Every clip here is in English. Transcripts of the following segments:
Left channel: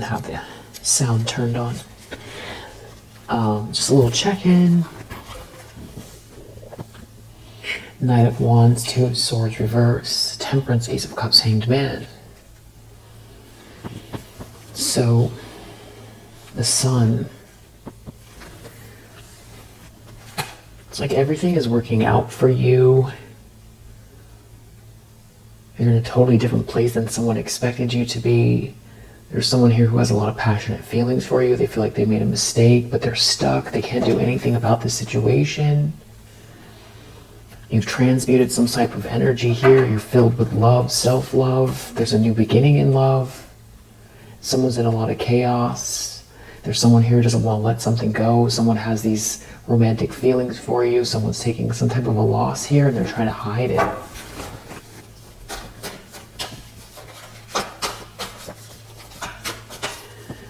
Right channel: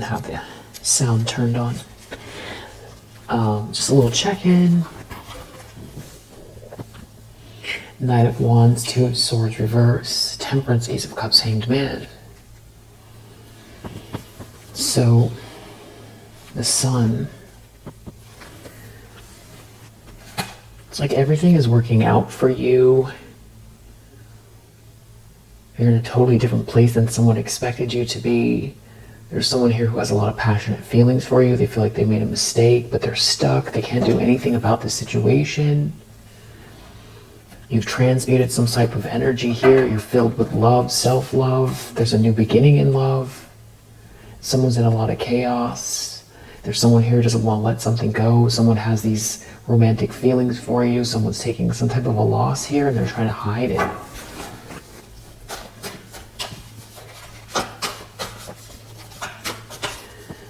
didn't have the sound turned on. Just a little check-in. Knight of Wands, Two of Swords reverse, Temperance, Ace of Cups, Hanged Man. So, the Sun. It's like everything is working out for you. You're in a totally different place than someone expected you to be. There's someone here who has a lot of passionate feelings for you. They feel like they made a mistake, but they're stuck. They can't do anything about the situation. You've transmuted some type of energy here. You're filled with love, self-love. There's a new beginning in love. Someone's in a lot of chaos. There's someone here who doesn't want to let something go. Someone has these romantic feelings for you. Someone's taking some type of a loss here and they're trying to hide it.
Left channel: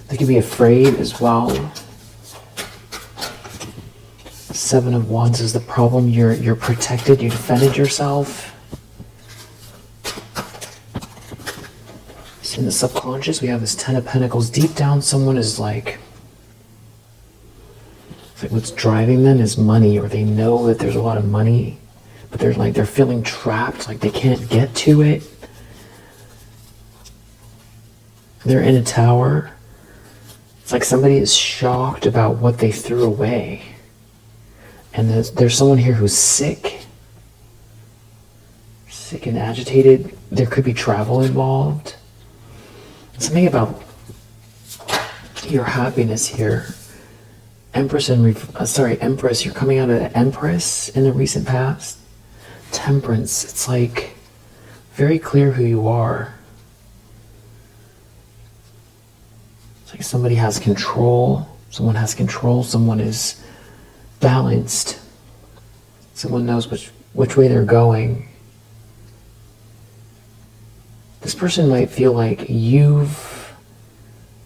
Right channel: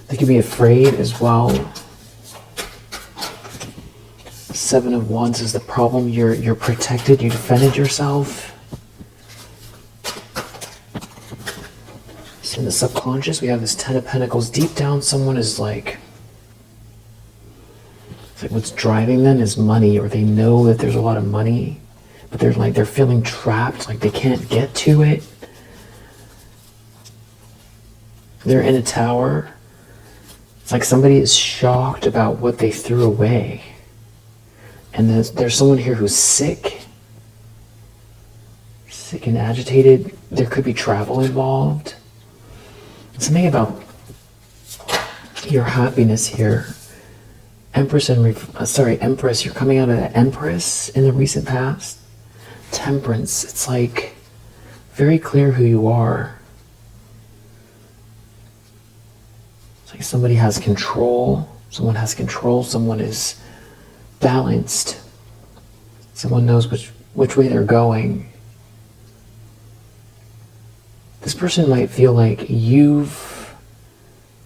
They could be afraid as well. Seven of Wands is the problem. You're protected. You defended yourself. So in the subconscious, we have this Ten of Pentacles. Deep down, someone is like, it's like what's driving them is money, or they know that there's a lot of money, but they're feeling trapped, like they can't get to it. They're in a tower. It's like somebody is shocked about what they threw away. And there's someone here who's sick and agitated. There could be travel involved. Something about your happiness here. Empress, you're coming out of the Empress in the recent past. Temperance, it's like very clear who you are. It's like somebody has control. Someone has control. Someone is balanced. Someone knows which way they're going. This person might feel like you've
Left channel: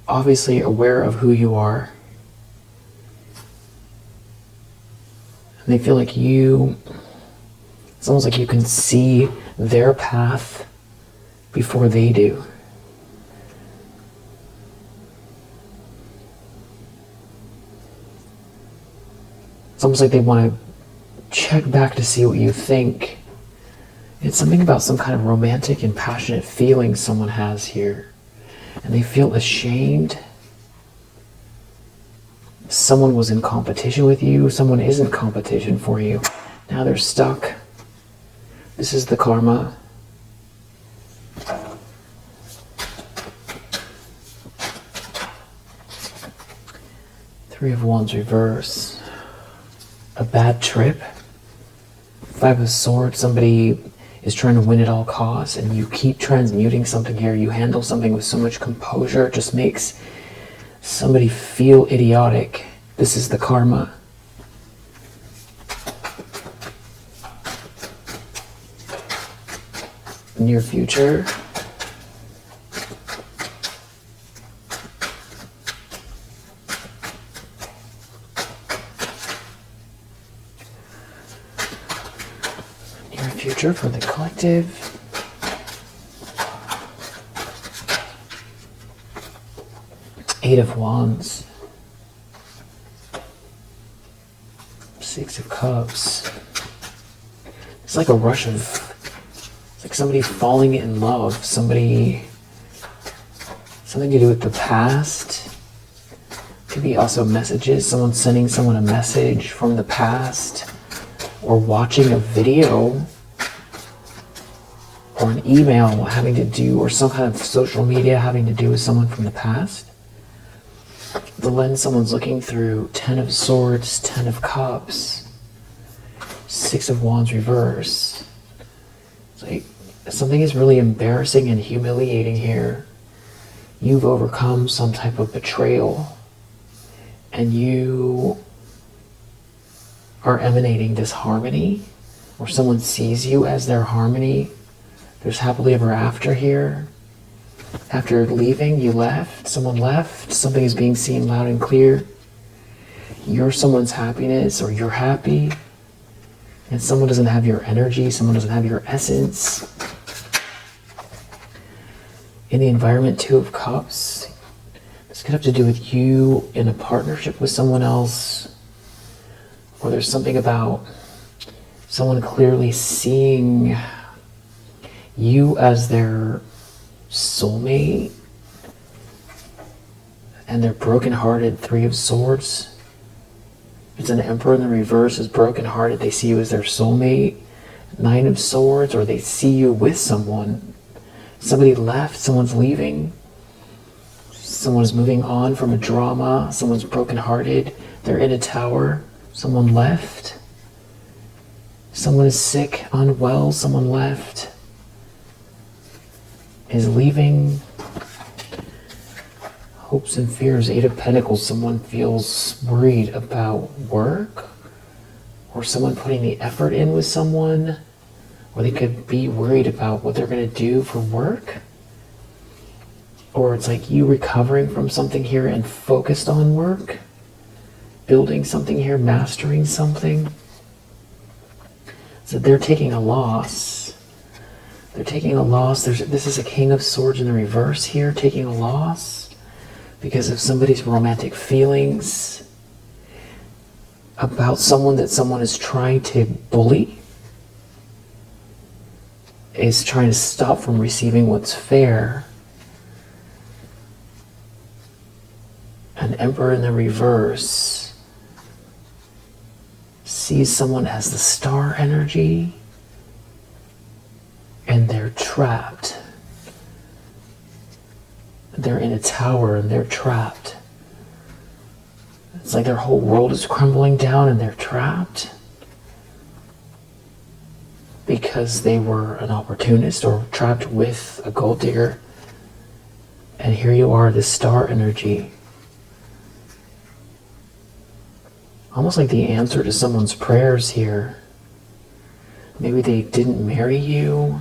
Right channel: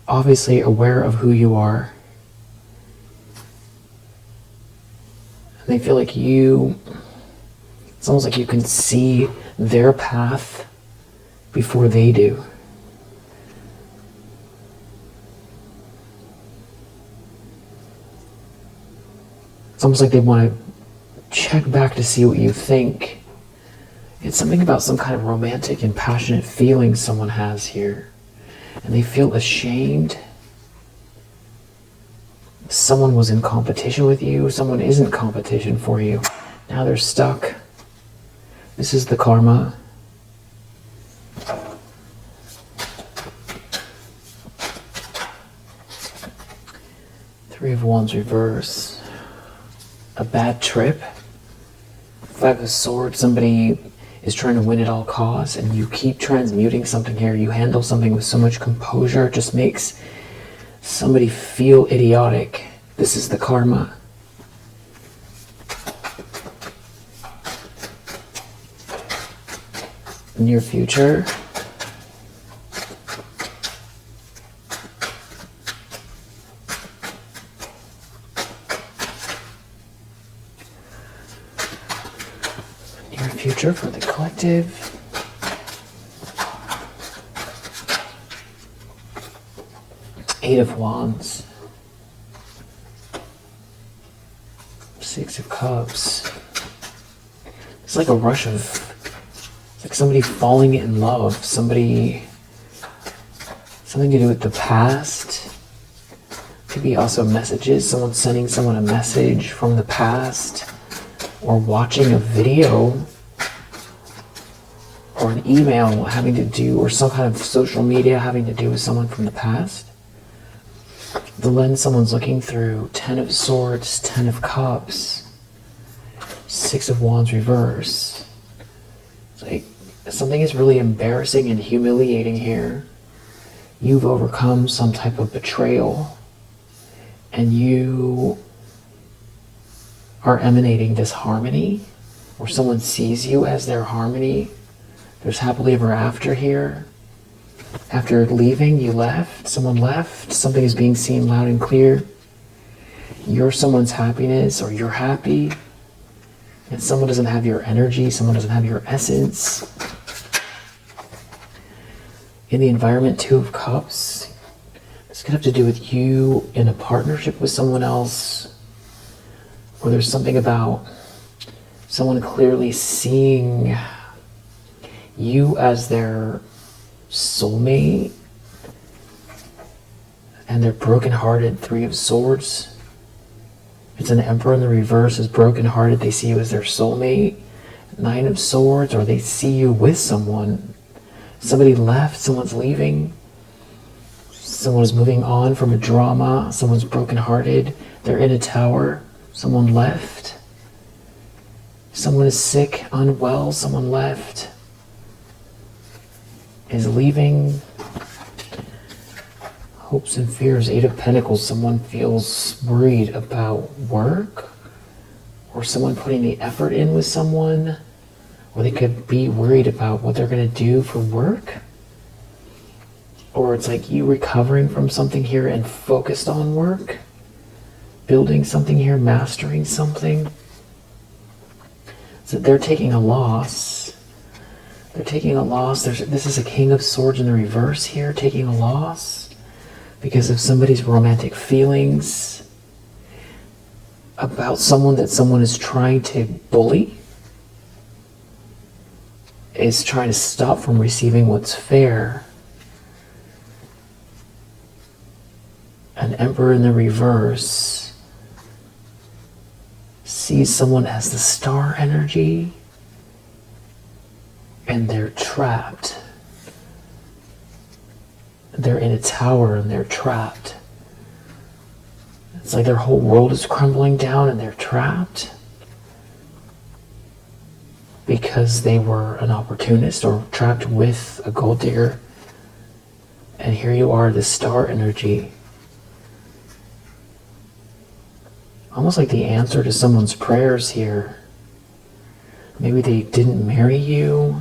obviously aware of who you are. And they feel like it's almost like you can see their path before they do. It's almost like they want to check back to see what you think. It's something about some kind of romantic and passionate feeling someone has here. And they feel ashamed. Someone was in competition with you. Someone is in competition for you. Now they're stuck. This is the karma. Three of Wands reverse. A bad trip. Five of Swords. Somebody is trying to win at all costs, and you keep transmuting something here. You handle something with so much composure. It just makes somebody feel idiotic. This is the karma. Near future. Future for the collective. Eight of Wands. Six of Cups. It's like a rush of, it's like somebody falling in love. Something to do with the past. Could be also messages. Someone sending someone a message from the past, or watching a video, or an email having to do, or some kind of social media having to do with someone from the past. The lens someone's looking through. Ten of Swords, Ten of Cups, Six of Wands reverse. It's like something is really embarrassing and humiliating here. You've overcome some type of betrayal, and you are emanating this harmony, or someone sees you as their harmony. There's happily ever after here. After leaving, you left. Someone left. Something is being seen loud and clear. You're someone's happiness, or you're happy. And someone doesn't have your energy. Someone doesn't have your essence. In the environment, Two of Cups. This could have to do with you in a partnership with someone else, or there's something about someone clearly seeing you as their soulmate, and they're broken-hearted. Three of Swords. It's an Emperor in the reverse is broken-hearted. They see you as their soulmate. Nine of Swords, or they see you with someone. Somebody left, someone's leaving. Someone's moving on from a drama. Someone's broken-hearted. They're in a tower. Someone left. Someone is sick, unwell. Someone left. Is leaving. Hopes and fears. Eight of Pentacles. Someone feels worried about work, or someone putting the effort in with someone, or they could be worried about what they're going to do for work, or it's like you recovering from something here and focused on work, building something here, mastering something. So they're taking a loss. They're taking a loss. This is a King of Swords in the reverse here, taking a loss because of somebody's romantic feelings about someone that someone is trying to bully, is trying to stop from receiving what's fair. An Emperor in the reverse sees someone as the star energy, and they're trapped. They're in a tower and they're trapped. It's like their whole world is crumbling down and they're trapped because they were an opportunist or trapped with a gold digger. And here you are, the star energy. Almost like the answer to someone's prayers here. Maybe they didn't marry you,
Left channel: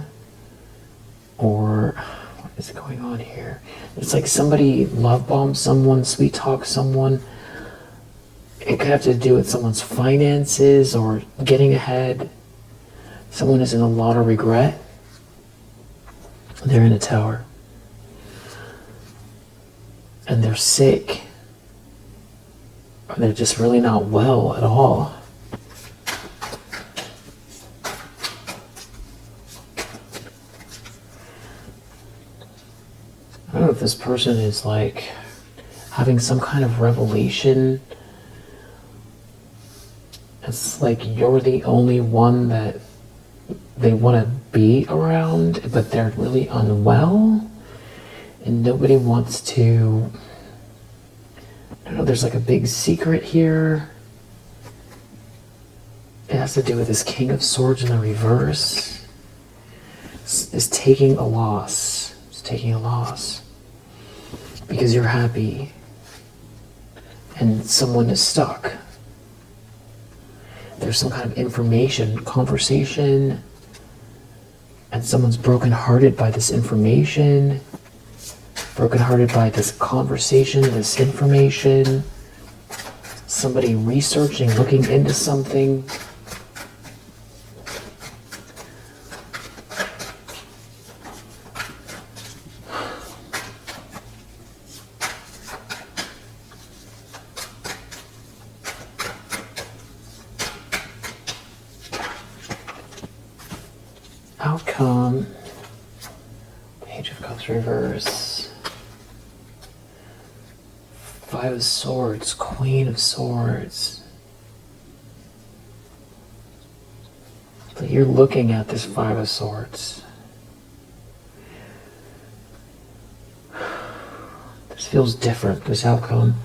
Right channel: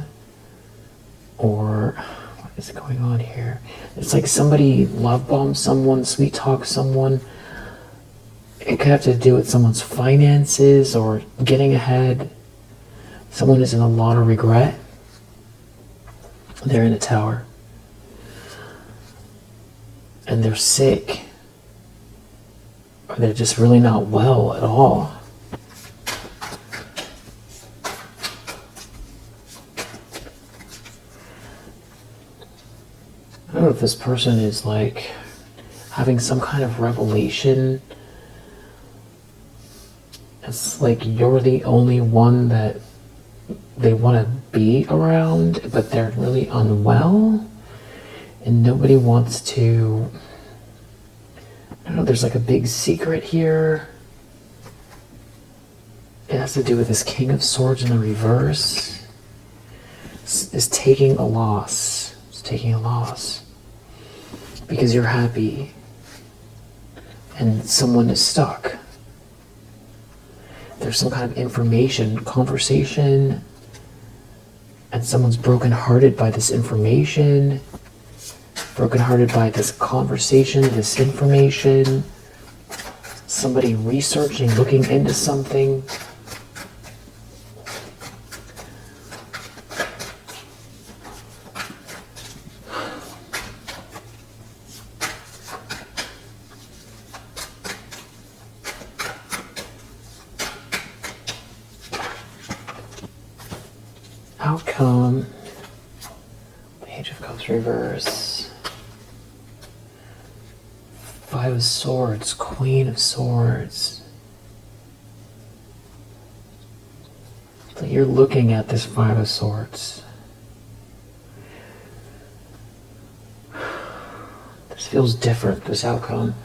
or what is going on here? It's like somebody love bombed someone, sweet talk someone. It could have to do with someone's finances or getting ahead. Someone is in a lot of regret. They're in a tower. And they're sick. Or they're just really not well at all. I don't know if this person is like having some kind of revelation. It's like you're the only one that they want to be around, but they're really unwell. And nobody wants to... I don't know, there's like a big secret here. It has to do with this King of Swords in the reverse. It's taking a loss. It's taking a loss. Because you're happy. And someone is stuck. There's some kind of information, conversation, and someone's brokenhearted by this information, brokenhearted by this conversation, this information, somebody researching, looking into something. Outcome, Page of Cups reverse, Five of Swords, Queen of Swords. So you're looking at this Five of Swords. This feels different, this outcome.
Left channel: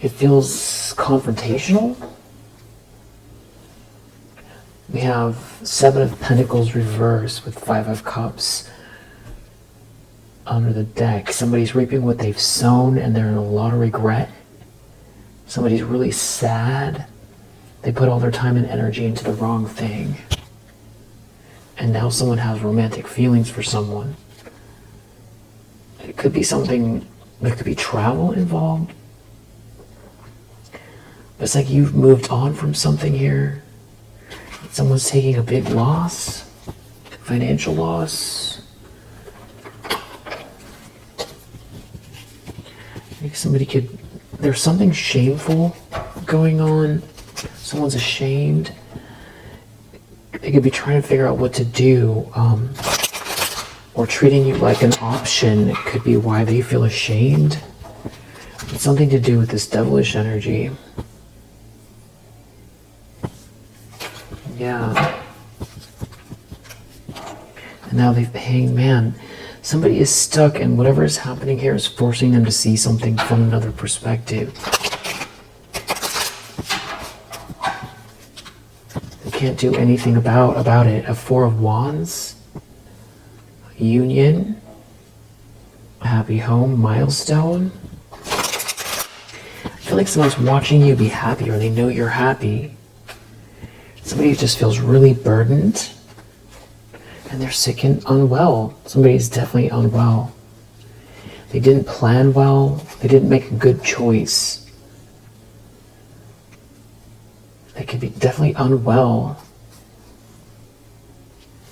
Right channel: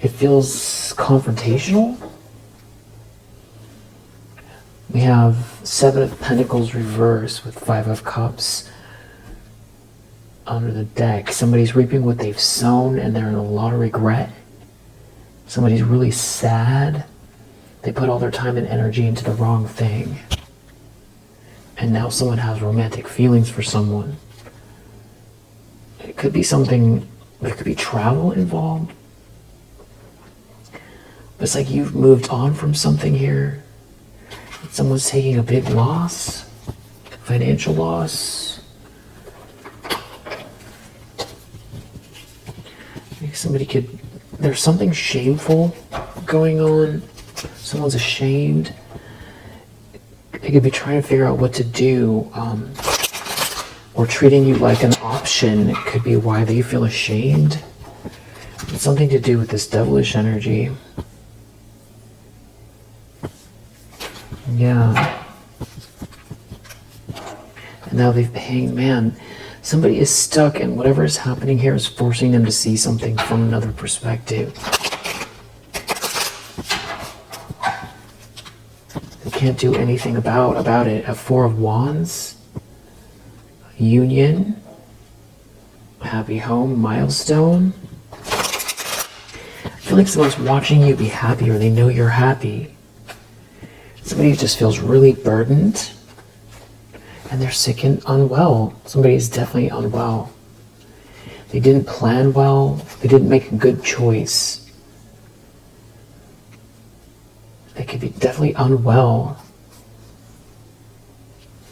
It feels confrontational. We have Seven of Pentacles reverse with Five of Cups under the deck. Somebody's reaping what they've sown and they're in a lot of regret. Somebody's really sad. They put all their time and energy into the wrong thing. And now someone has romantic feelings for someone. It could be something, there could be travel involved. It's like you've moved on from something here. Someone's taking a big loss, financial loss. there's something shameful going on. Someone's ashamed. They could be trying to figure out what to do, or treating you like an option. It could be why they feel ashamed. It's something to do with this devilish energy. Yeah. And now they've hanged, man. Somebody is stuck, and whatever is happening here is forcing them to see something from another perspective. They can't do anything about it. A Four of Wands, union, happy home, milestone. I feel like someone's watching you be happy, or they know you're happy. Somebody who just feels really burdened, and they're sick and unwell. Somebody is definitely unwell. They didn't plan well. They didn't make a good choice. They could be definitely unwell.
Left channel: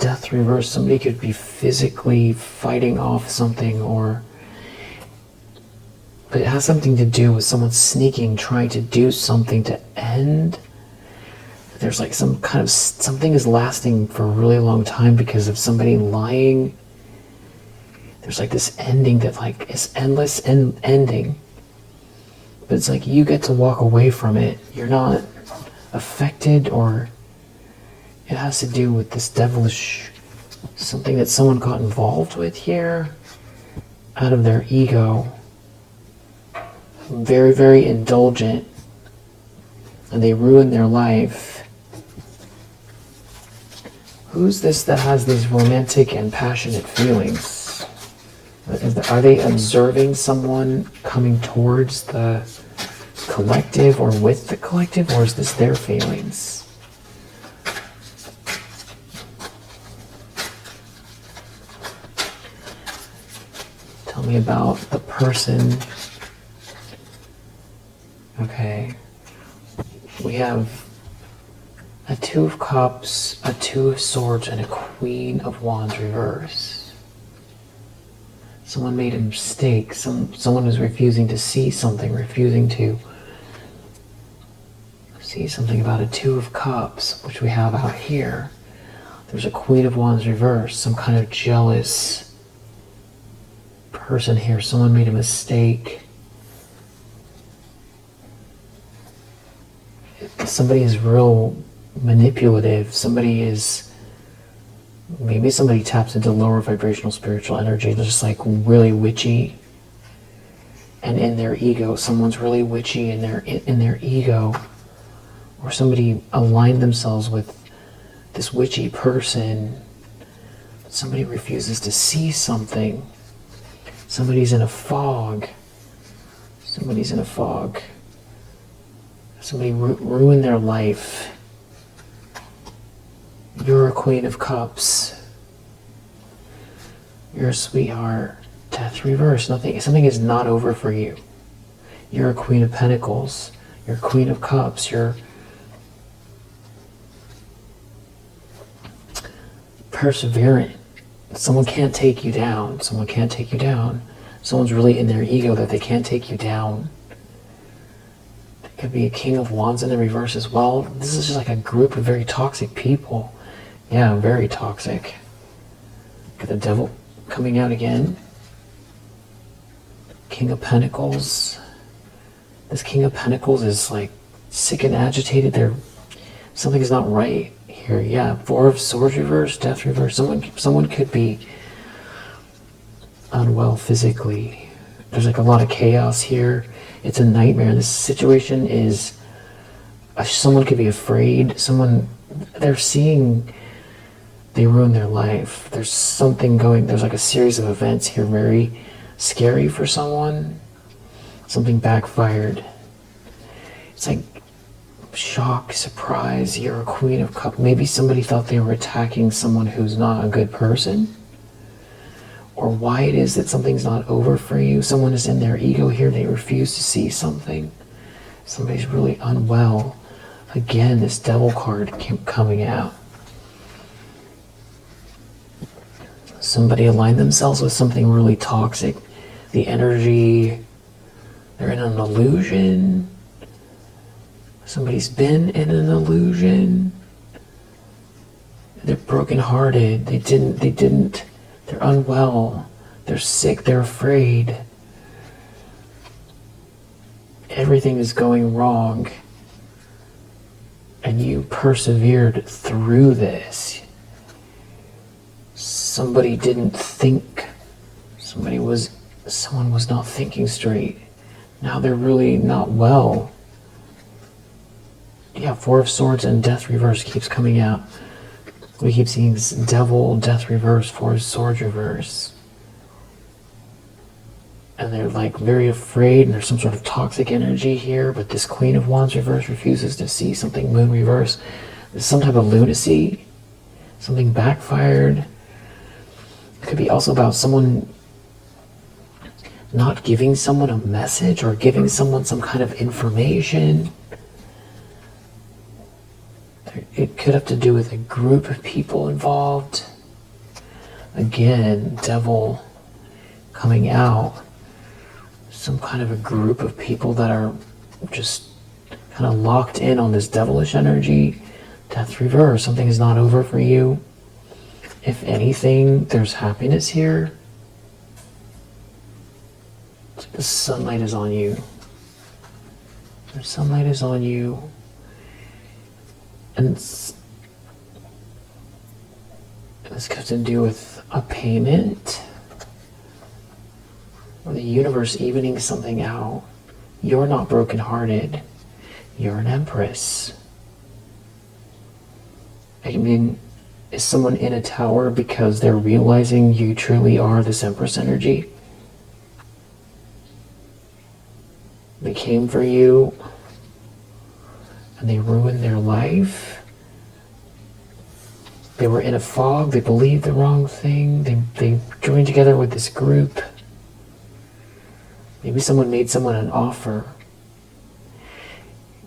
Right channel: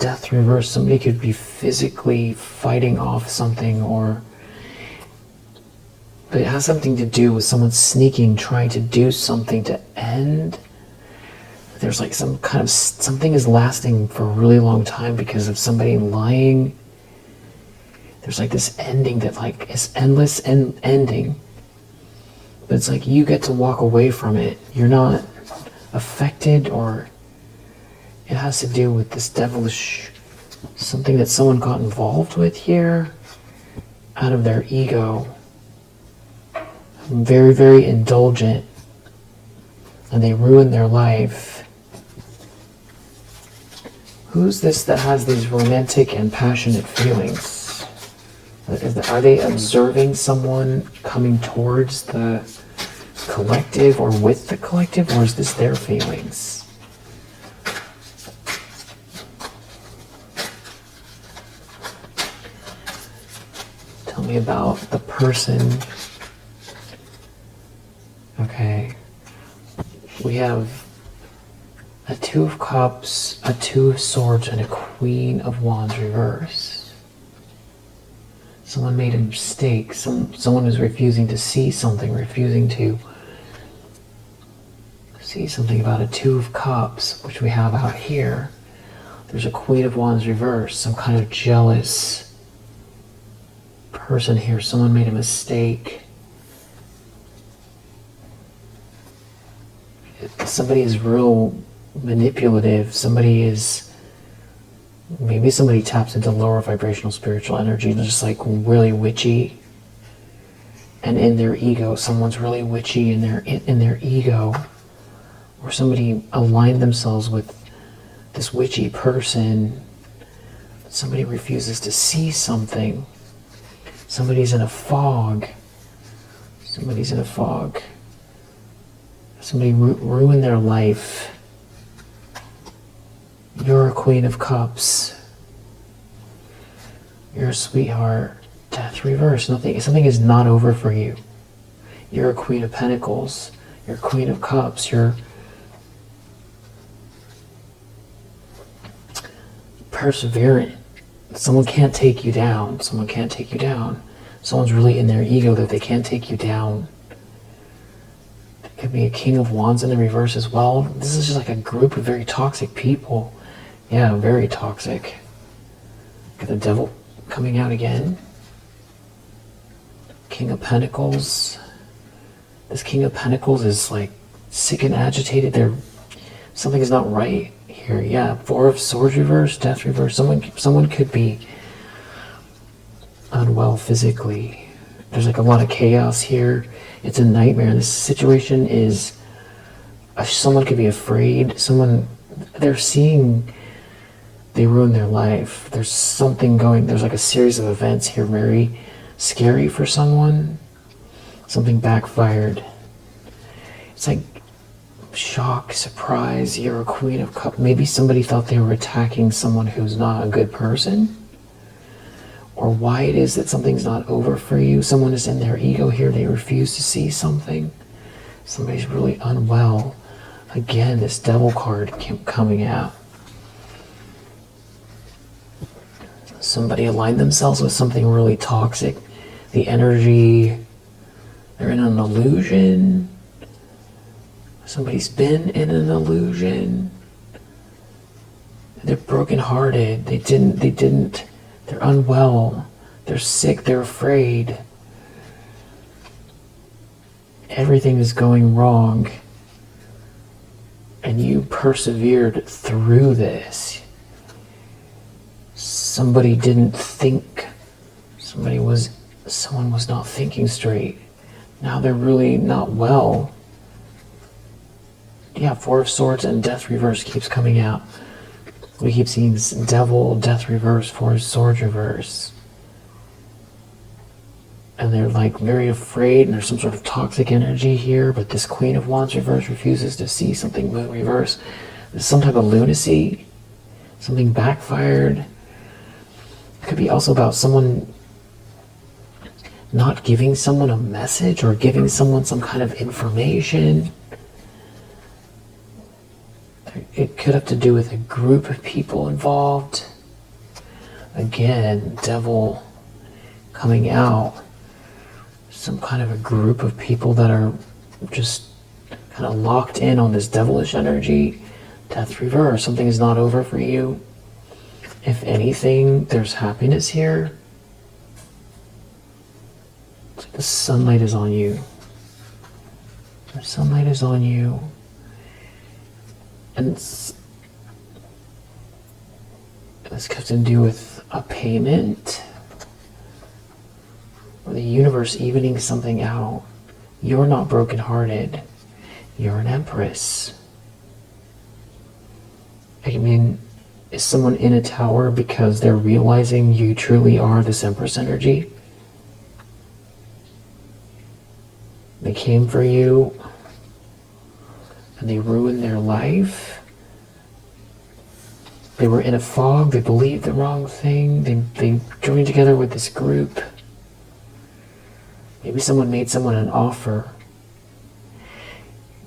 Death reverse. Somebody could be physically fighting off something, or but it has something to do with someone sneaking, trying to do something to end. There's like some kind of, something is lasting for a really long time because of somebody lying. There's like this ending that like is endless and ending. But it's like you get to walk away from it. You're not affected, or it has to do with this devilish, something that someone got involved with here out of their ego. Very, very indulgent, and they ruin their life. Who's this that has these romantic and passionate feelings? Are they observing someone coming towards the collective or with the collective, or is this their feelings? Tell me about the person. Okay, we have a Two of Cups, a Two of Swords, and a Queen of Wands reverse. Someone made a mistake. Someone is refusing to see something, refusing to see something about a Two of Cups, which we have out here. There's a Queen of Wands reverse, some kind of jealous person here. Someone made a mistake. Somebody is real manipulative. Maybe somebody taps into lower vibrational spiritual energy. They're just like really witchy, and in their ego, someone's really witchy in their ego, or somebody aligned themselves with this witchy person. Somebody refuses to see something. Somebody's in a fog. Somebody's in a fog. Somebody ruined their life. You're a Queen of Cups. You're a sweetheart. Death reverse. Something is not over for you. You're a Queen of Pentacles. You're a Queen of Cups. You're perseverant. Someone can't take you down. Someone can't take you down. Someone's really in their ego that they can't take you down. Could be a King of Wands in the reverse as well. This is just like a group of very toxic people. Yeah, very toxic. Got the Devil coming out again. King of Pentacles. This King of Pentacles is like sick and agitated. Something is not right here. Yeah, Four of Swords reverse, Death reverse. Someone could be unwell physically. There's like a lot of chaos here. It's a nightmare. This situation is, someone could be afraid. They're seeing, they ruin their life. There's something going, there's like a series of events here, very scary for someone. Something backfired. It's like shock, surprise. You're a Queen of Cups. Maybe somebody thought they were attacking someone who's not a good person. Or why it is that something's not over for you. Someone is in their ego here. They refuse to see something. Somebody's really unwell. Again, this Devil card kept coming out. Somebody aligned themselves with something really toxic. The energy They're in an illusion. Somebody's been in an illusion. They're brokenhearted. They're unwell. They're sick. They're afraid. Everything is going wrong. And you persevered through this. Somebody didn't think. Someone was not thinking straight. Now they're really not well. Yeah, Four of Swords and Death reverse keeps coming out. We keep seeing this Devil, Death reverse, Four of Swords reverse. And they're like very afraid, and there's some sort of toxic energy here, but this Queen of Wands reverse refuses to see something. Moon reverse. There's some type of lunacy. Something backfired. It could be also about someone not giving someone a message or giving someone some kind of information. It could have to do with a group of people involved. Again, Devil coming out. Some kind of a group of people that are just kind of locked in on this devilish energy. Death reverse. Something is not over for you. If anything, there's happiness here. The sunlight is on you. The sunlight is on you. And this has to do with a payment. Or the universe evening something out. You're not brokenhearted. You're an empress. I mean, is someone in a tower because they're realizing you truly are this empress energy? They came for you and they ruined their life. They were in a fog. They believed the wrong thing. They joined together with this group. Maybe someone made someone an offer.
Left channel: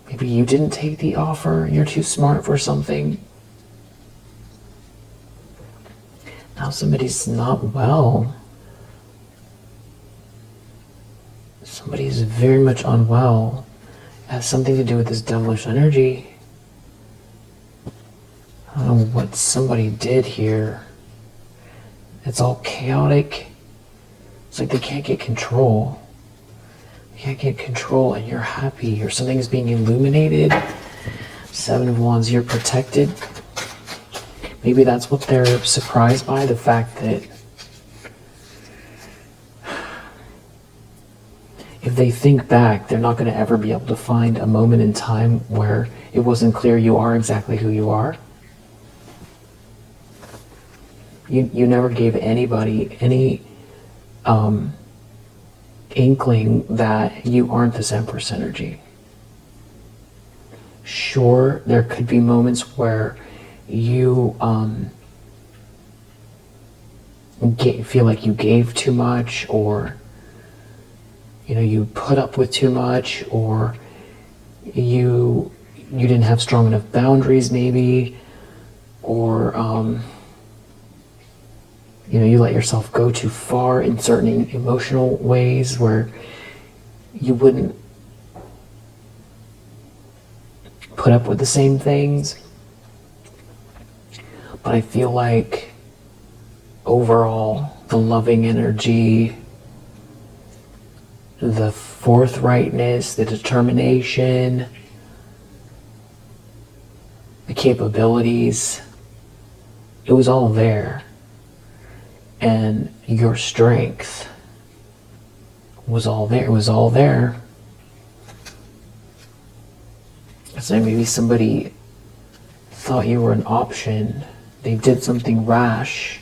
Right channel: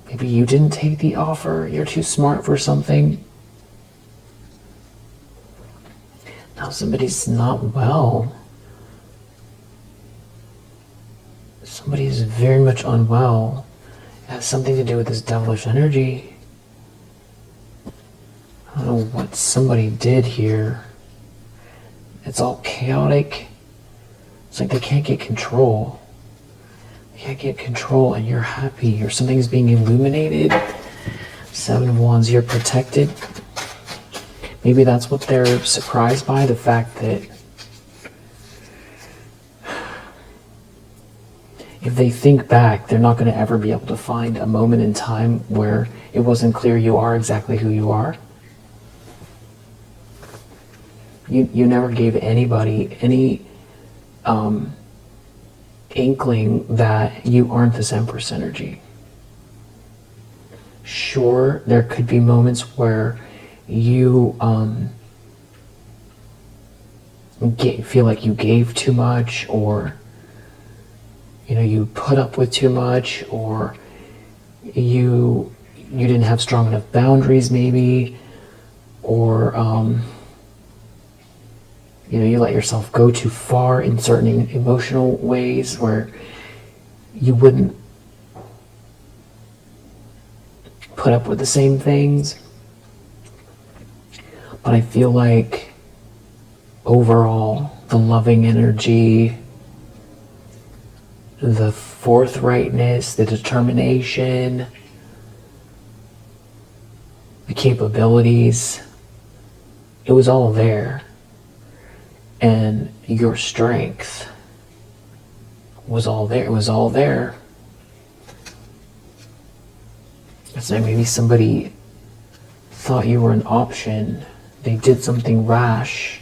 Maybe you didn't take the offer. You're too smart for something. Now somebody's not well. Somebody is very much unwell. It has something to do with this devilish energy. I don't know what somebody did here. It's all chaotic. It's like they can't get control. They can't get control and you're happy or something is being illuminated. Seven of Wands, you're protected. Maybe that's what they're surprised by, the fact that if they think back, they're not going to ever be able to find a moment in time where it wasn't clear you are exactly who you are. You never gave anybody any inkling that you aren't this Empress energy. Sure, there could be moments where you feel like you gave too much, or you put up with too much, or you didn't have strong enough boundaries maybe, or you let yourself go too far in certain emotional ways where you wouldn't put up with the same things. But I feel like overall, the loving energy, the forthrightness, the determination, the capabilities, it was all there. And your strength was all there. It was all there. So maybe somebody thought you were an option. They did something rash.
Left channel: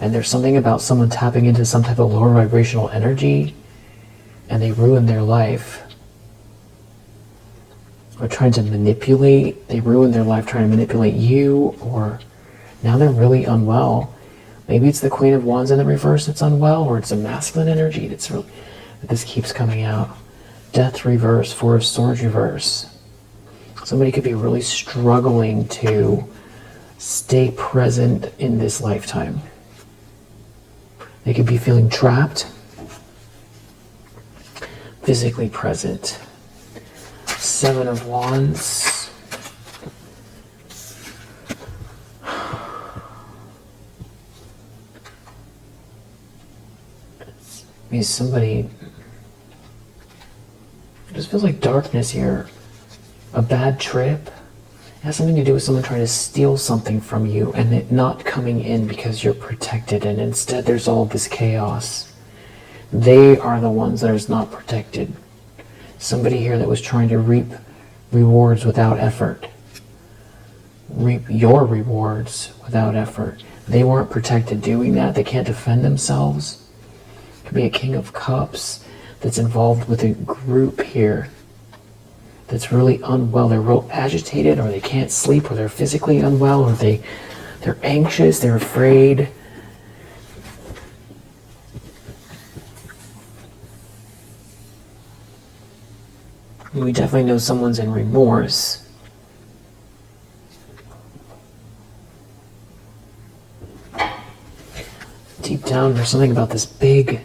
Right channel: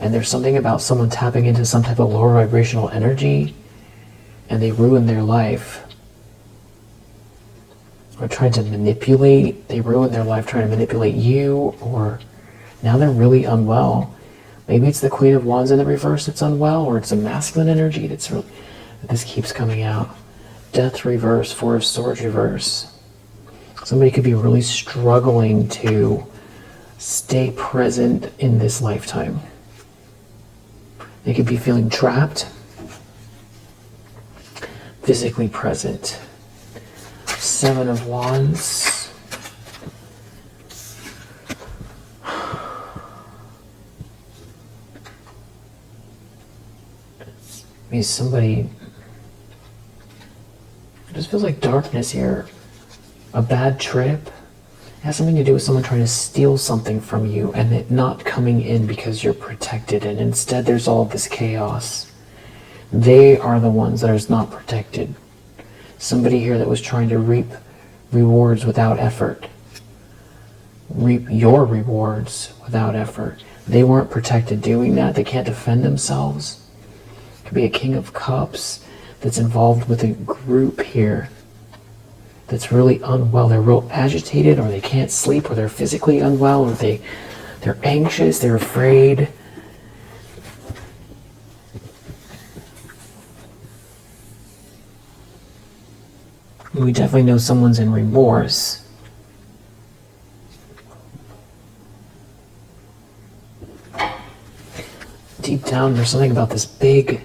And there's something about someone tapping into some type of lower vibrational energy and they ruined their life. Or trying to manipulate. They ruined their life trying to manipulate you, or now they're really unwell. Maybe it's the Queen of Wands in the reverse that's unwell, or it's a masculine energy that this keeps coming out. Death reverse, Four of Swords reverse. Somebody could be really struggling to stay present in this lifetime. They could be feeling trapped. physically present. Seven of Wands. Somebody, it just feels like darkness here. A bad trip. It has something to do with someone trying to steal something from you and it not coming in because you're protected, and instead there's all this chaos. They are the ones that are not protected. Somebody here that was trying to reap rewards without effort. Reap your rewards without effort. They weren't protected doing that. They can't defend themselves. Could be a King of Cups that's involved with a group here that's really unwell. They're real agitated, or they can't sleep, or they're physically unwell, or they're anxious, they're afraid. We definitely know someone's in remorse. Deep down, there's something about this big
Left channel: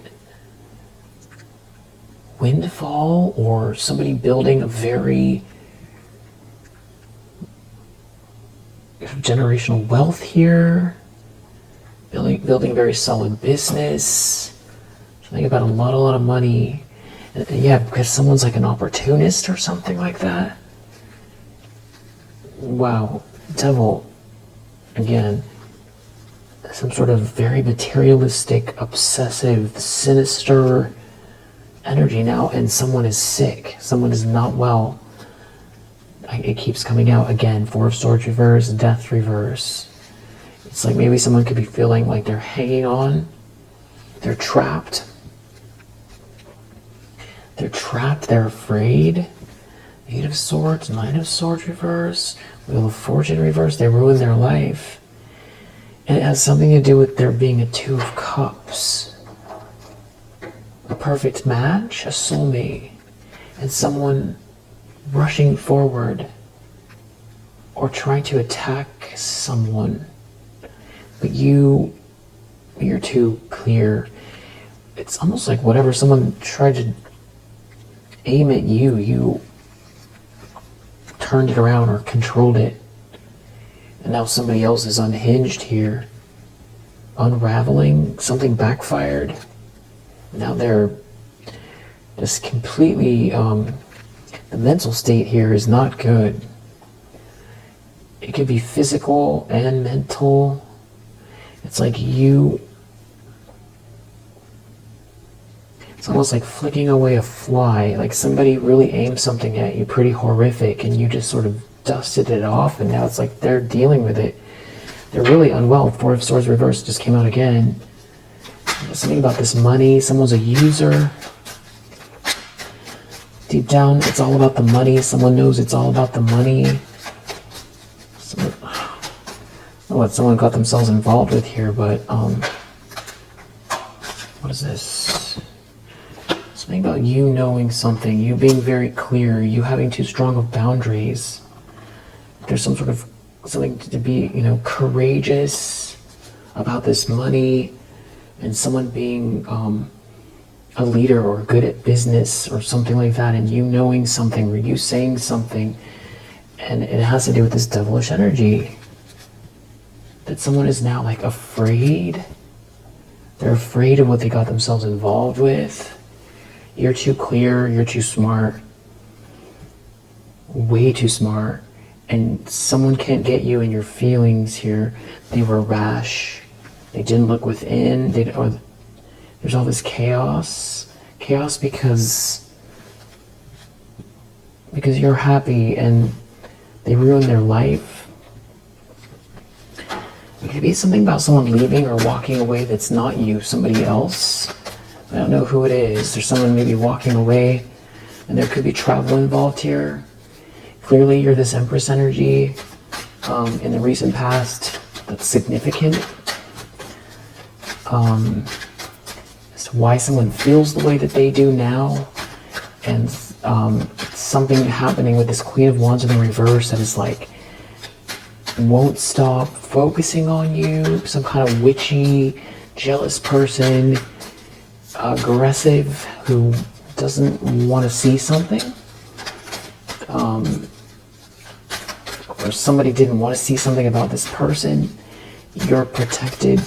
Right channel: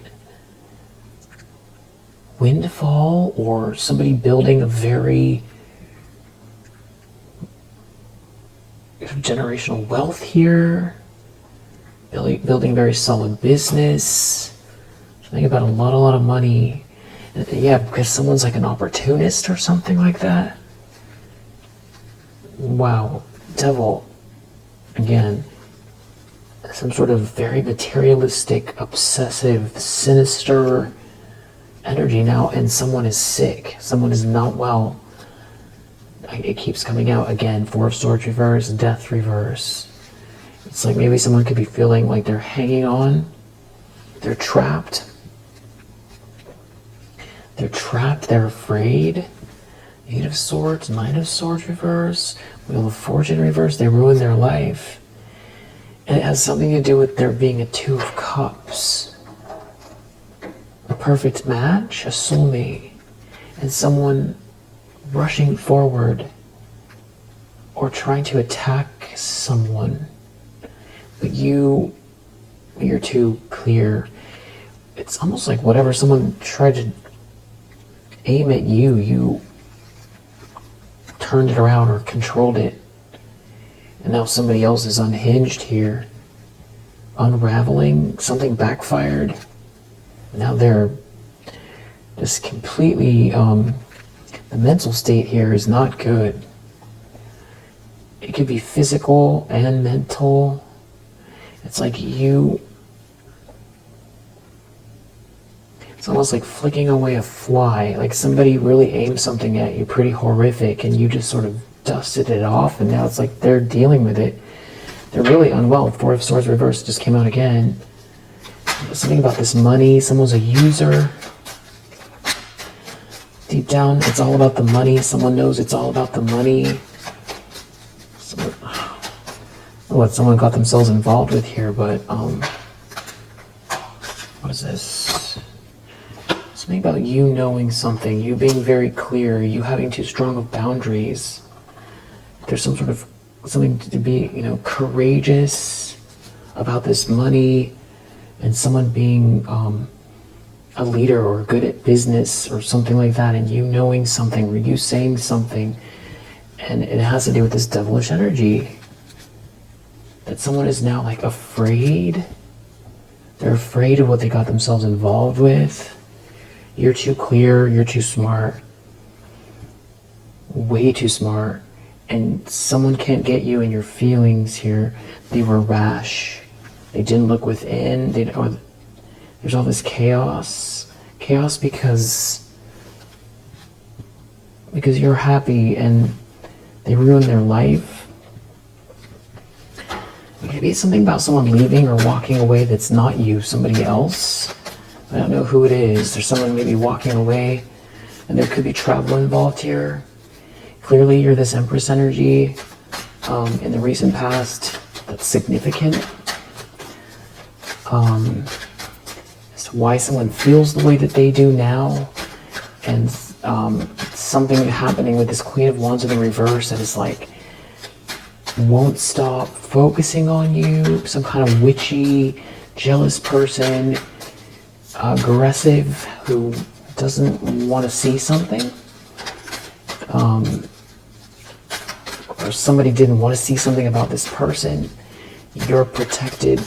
windfall, or somebody building a very generational wealth here, building very solid business, something about a lot of money. And yeah, because someone's like an opportunist or something like that. Wow, Devil, again, some sort of very materialistic, obsessive, sinister energy now, and someone is sick. Someone is not well. It keeps coming out again. Four of Swords reverse, Death reverse. It's like maybe someone could be feeling like they're hanging on. They're trapped. They're trapped. They're afraid. Eight of Swords, Nine of Swords reverse, Wheel of Fortune reverse. They ruined their life. And it has something to do with there being a Two of Cups. A perfect match, a soulmate, and someone rushing forward or trying to attack someone, but you're too clear. It's almost like whatever someone tried to aim at you, you turned it around or controlled it, and now somebody else is unhinged here, unraveling. Something backfired. Now they're just completely, the mental state here is not good. It could be physical and mental. It's like it's almost like flicking away a fly, like somebody really aimed something at you pretty horrific and you just sort of dusted it off, and now it's like they're dealing with it. They're really unwell. Four of Swords reversed just came out again. Something about this money. Someone's a user. Deep down, it's all about the money. Someone knows it's all about the money. What someone got themselves involved with here, but what is this? Something about you knowing something, you being very clear, you having too strong of boundaries. There's some sort of something to be, courageous about this money. And someone being a leader or good at business or something like that, and you knowing something or you saying something, and it has to do with this devilish energy. That someone is now like afraid. They're afraid of what they got themselves involved with. You're too clear, you're too smart. Way too smart. And someone can't get you in your feelings here. They were rash. They didn't look within. There's all this chaos. Chaos because you're happy and they ruined their life. It could be something about someone leaving or walking away that's not you, somebody else. I don't know who it is. There's someone maybe walking away, and there could be travel involved here. Clearly you're this Empress energy in the recent past that's significant. As to why someone feels the way that they do now, and something happening with this Queen of Wands in the reverse that is like won't stop focusing on you. Some kind of witchy, jealous person, aggressive, who doesn't want to see something, or somebody didn't want to see something about this person, you're protected.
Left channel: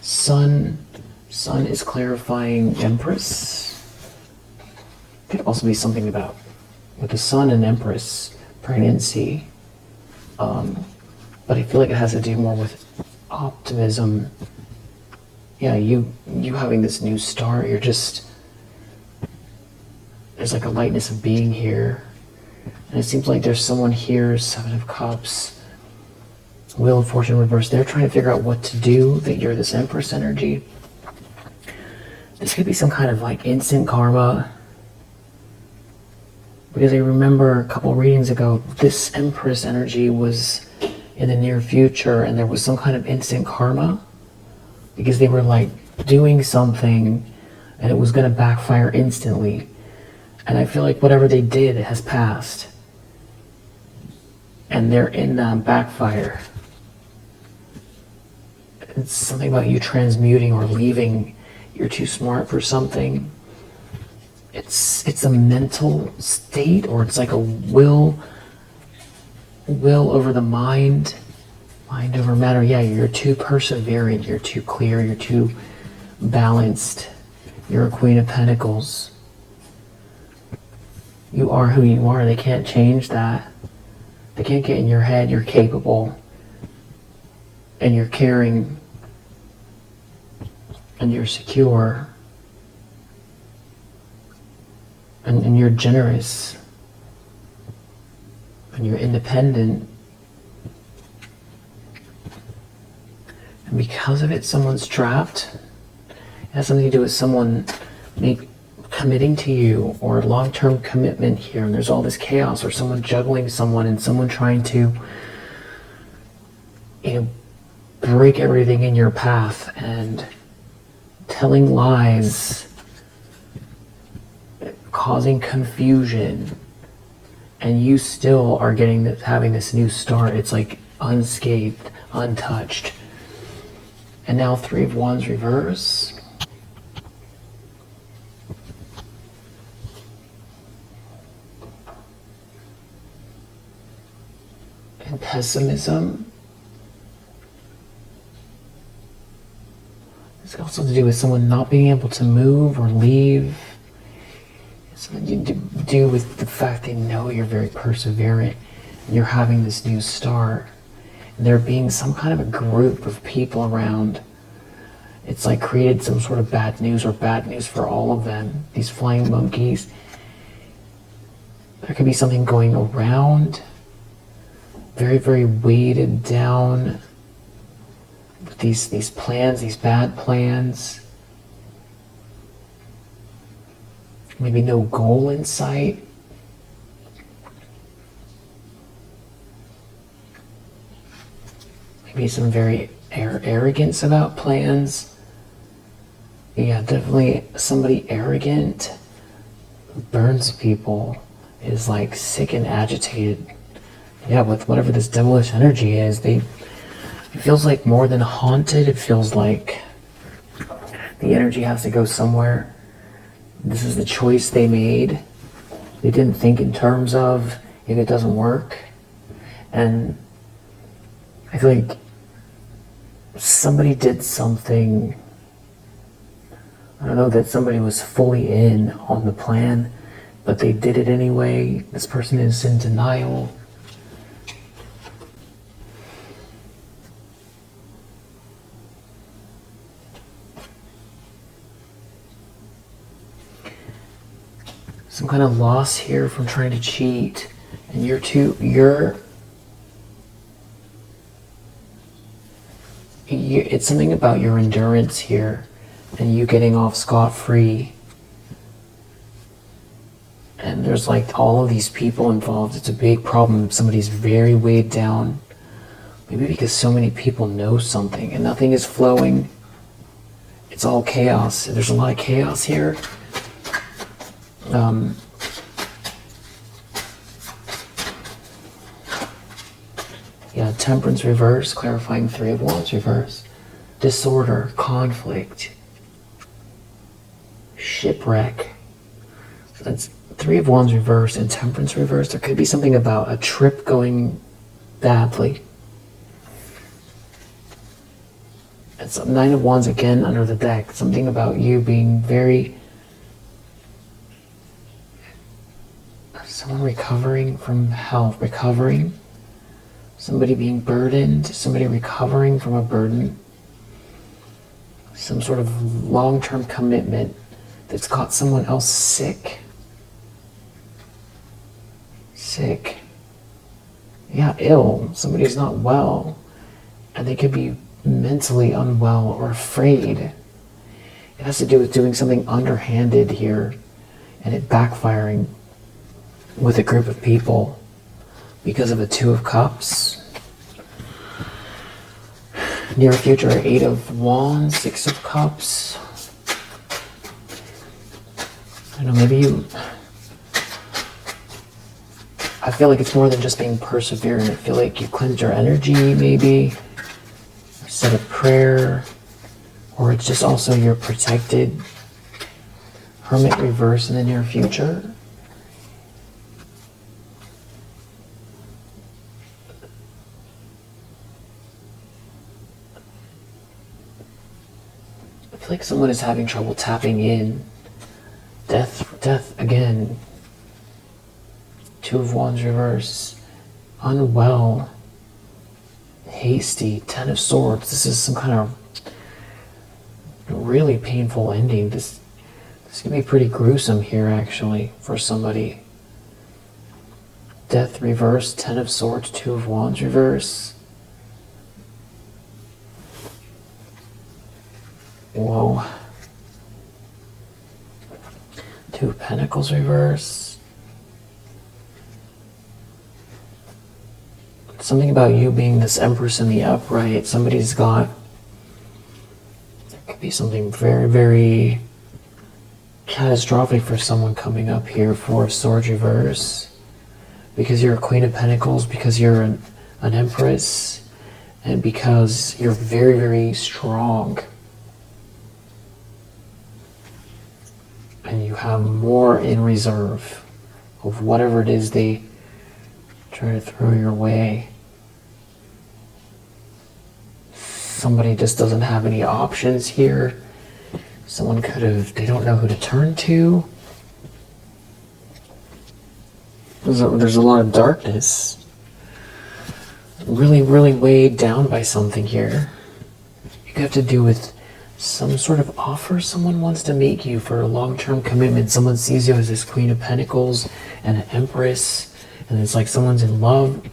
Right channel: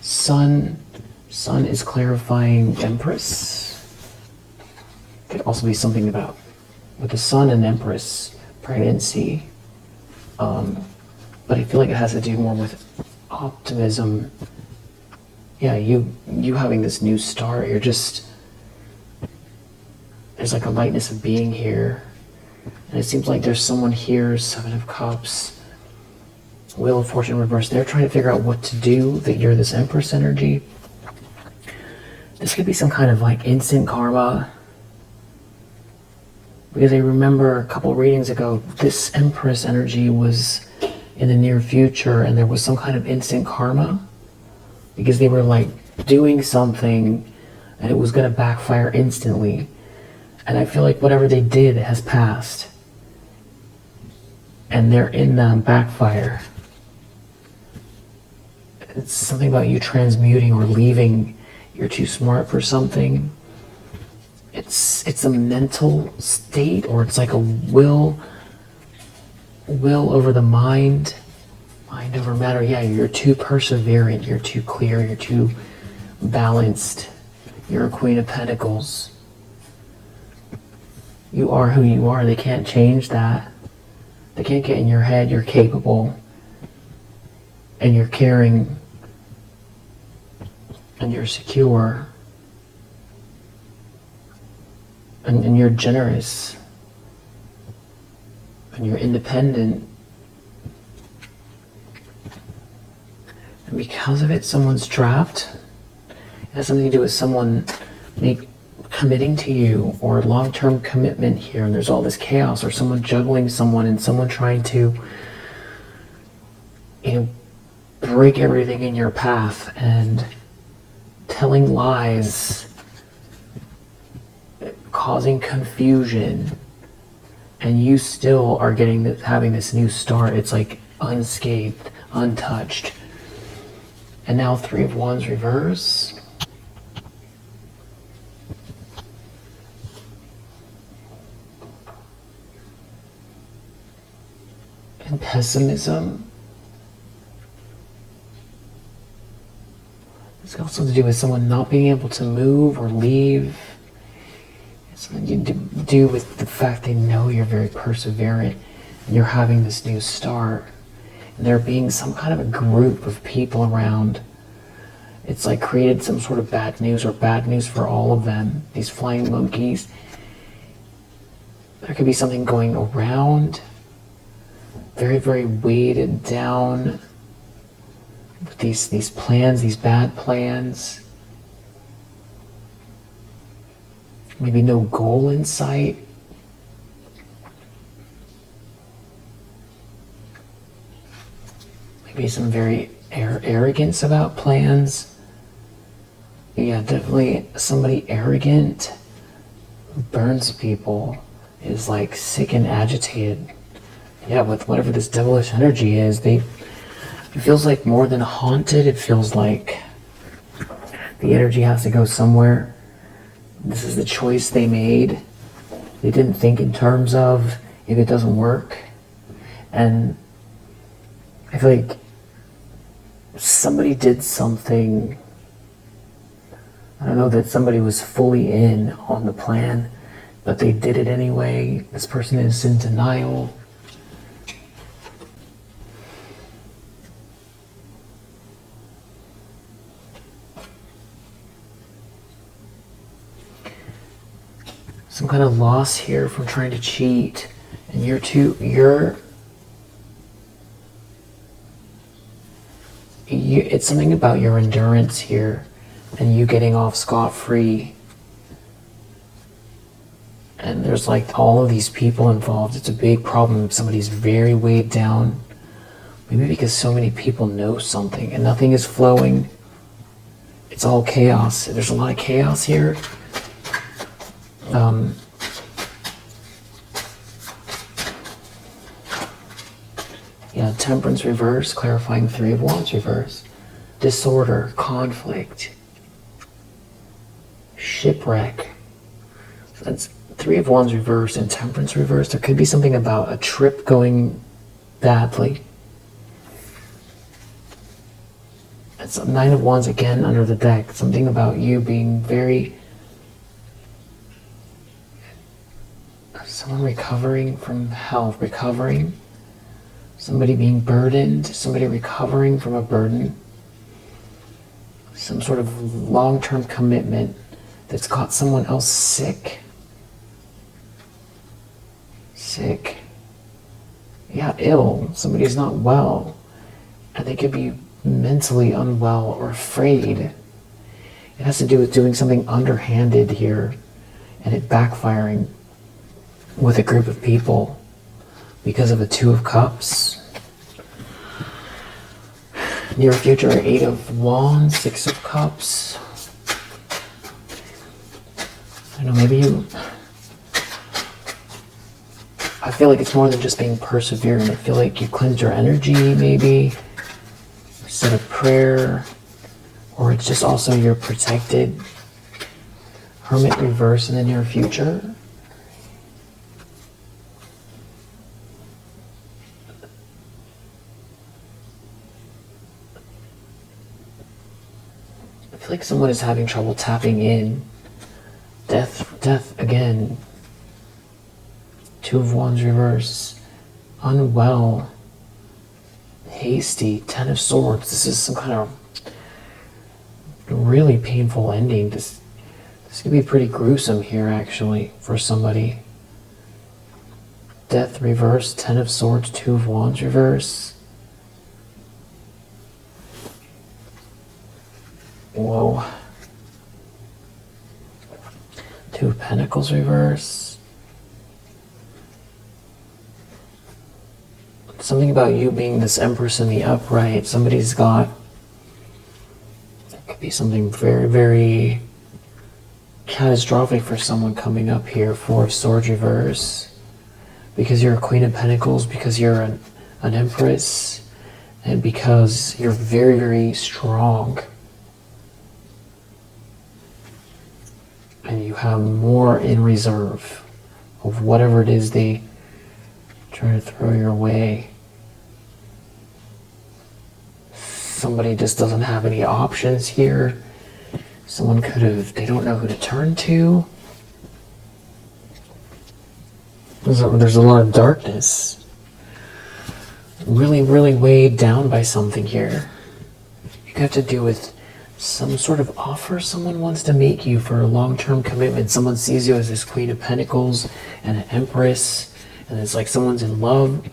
Sun is clarifying empress. Could also be something about with the sun and empress pregnancy. But I feel like it has to do more with optimism. Yeah, you having this new start, you're just, there's like a lightness of being here. And it seems like there's someone here, Seven of Cups, Wheel of Fortune reversed. They're trying to figure out what to do, that you're this Empress energy. This could be some kind of like instant karma. Because I remember a couple readings ago, this Empress energy was in the near future and there was some kind of instant karma. Because they were like doing something and it was going to backfire instantly. And I feel like whatever they did has passed. And they're in backfire. It's something about you transmuting or leaving. You're too smart for something. It's a mental state, or it's like a will over the mind over matter. Yeah, you're too perseverant, you're too clear, you're too balanced. You're a Queen of Pentacles. You are who you are. They can't change that. They can't get in your head. You're capable and you're caring and you're secure and you're generous and you're independent. And because of it, someone's trapped. It has something to do with someone committing to you, or long-term commitment here, and there's all this chaos, or someone juggling someone and someone trying to, break everything in your path and telling lies, causing confusion, and you still are having this new start. It's like unscathed, untouched. And now Three of Wands reverse. And pessimism. It's also to do with someone not being able to move or leave. It's something to do with the fact they know you're very perseverant and you're having this new start. And there being some kind of a group of people around. It's like created some sort of bad news, or bad news for all of them. These flying monkeys. There could be something going around. Very, very weighted down with these plans, these bad plans. Maybe no goal in sight. Maybe some very arrogance about plans. Yeah, definitely somebody arrogant who burns people, is like sick and agitated. Yeah, with whatever this devilish energy is, it feels like more than haunted. It feels like the energy has to go somewhere. This is the choice they made. They didn't think in terms of if it doesn't work. And I feel like somebody did something. I don't know that somebody was fully in on the plan, but they did it anyway. This person is in denial. Some kind of loss here from trying to cheat, and it's something about your endurance here and you getting off scot-free. And there's like all of these people involved. It's a big problem. Somebody's very weighed down, maybe because so many people know something and nothing is flowing. It's all chaos. There's a lot of chaos here. Yeah, Temperance reverse, clarifying Three of Wands reverse. Disorder, conflict, shipwreck. So that's Three of Wands reversed and Temperance reversed. There could be something about a trip going badly. It's a Nine of Wands again under the deck. Something about you being very... Someone recovering from health, recovering. Somebody being burdened, somebody recovering from a burden. Some sort of long-term commitment that's got someone else sick. Sick. Yeah, ill. Somebody's not well. And they could be mentally unwell or afraid. It has to do with doing something underhanded here and it backfiring with a group of people because of a Two of Cups. Near future, Eight of Wands, Six of Cups. I don't know, maybe you... I feel like it's more than just being perseverant. I feel like you cleanse your energy, maybe. Said a prayer. Or it's just also you're protected. Hermit reverse in the near future. I feel like someone is having trouble tapping in. Death again. Two of Wands reverse. Unwell. Hasty. Ten of Swords. This is some kind of really painful ending. This could be pretty gruesome here, actually, for somebody. Death reverse. Ten of Swords. Two of Wands reverse. Whoa. Two of Pentacles reverse. Something about you being this Empress in the upright. Somebody's got... It could be something very, very catastrophic for someone coming up here. Four of Swords reverse. Because you're a Queen of Pentacles, because you're an Empress, and because you're very, very strong. And you have more in reserve of whatever it is they try to throw your way. Somebody just doesn't have any options here. Someone could have, they don't know who to turn to. There's a lot of darkness. Really, really weighed down by something here. You have to do with some sort of offer. Someone wants to make you for a long-term commitment. Someone sees you as this Queen of Pentacles and an Empress, and it's like someone's in love.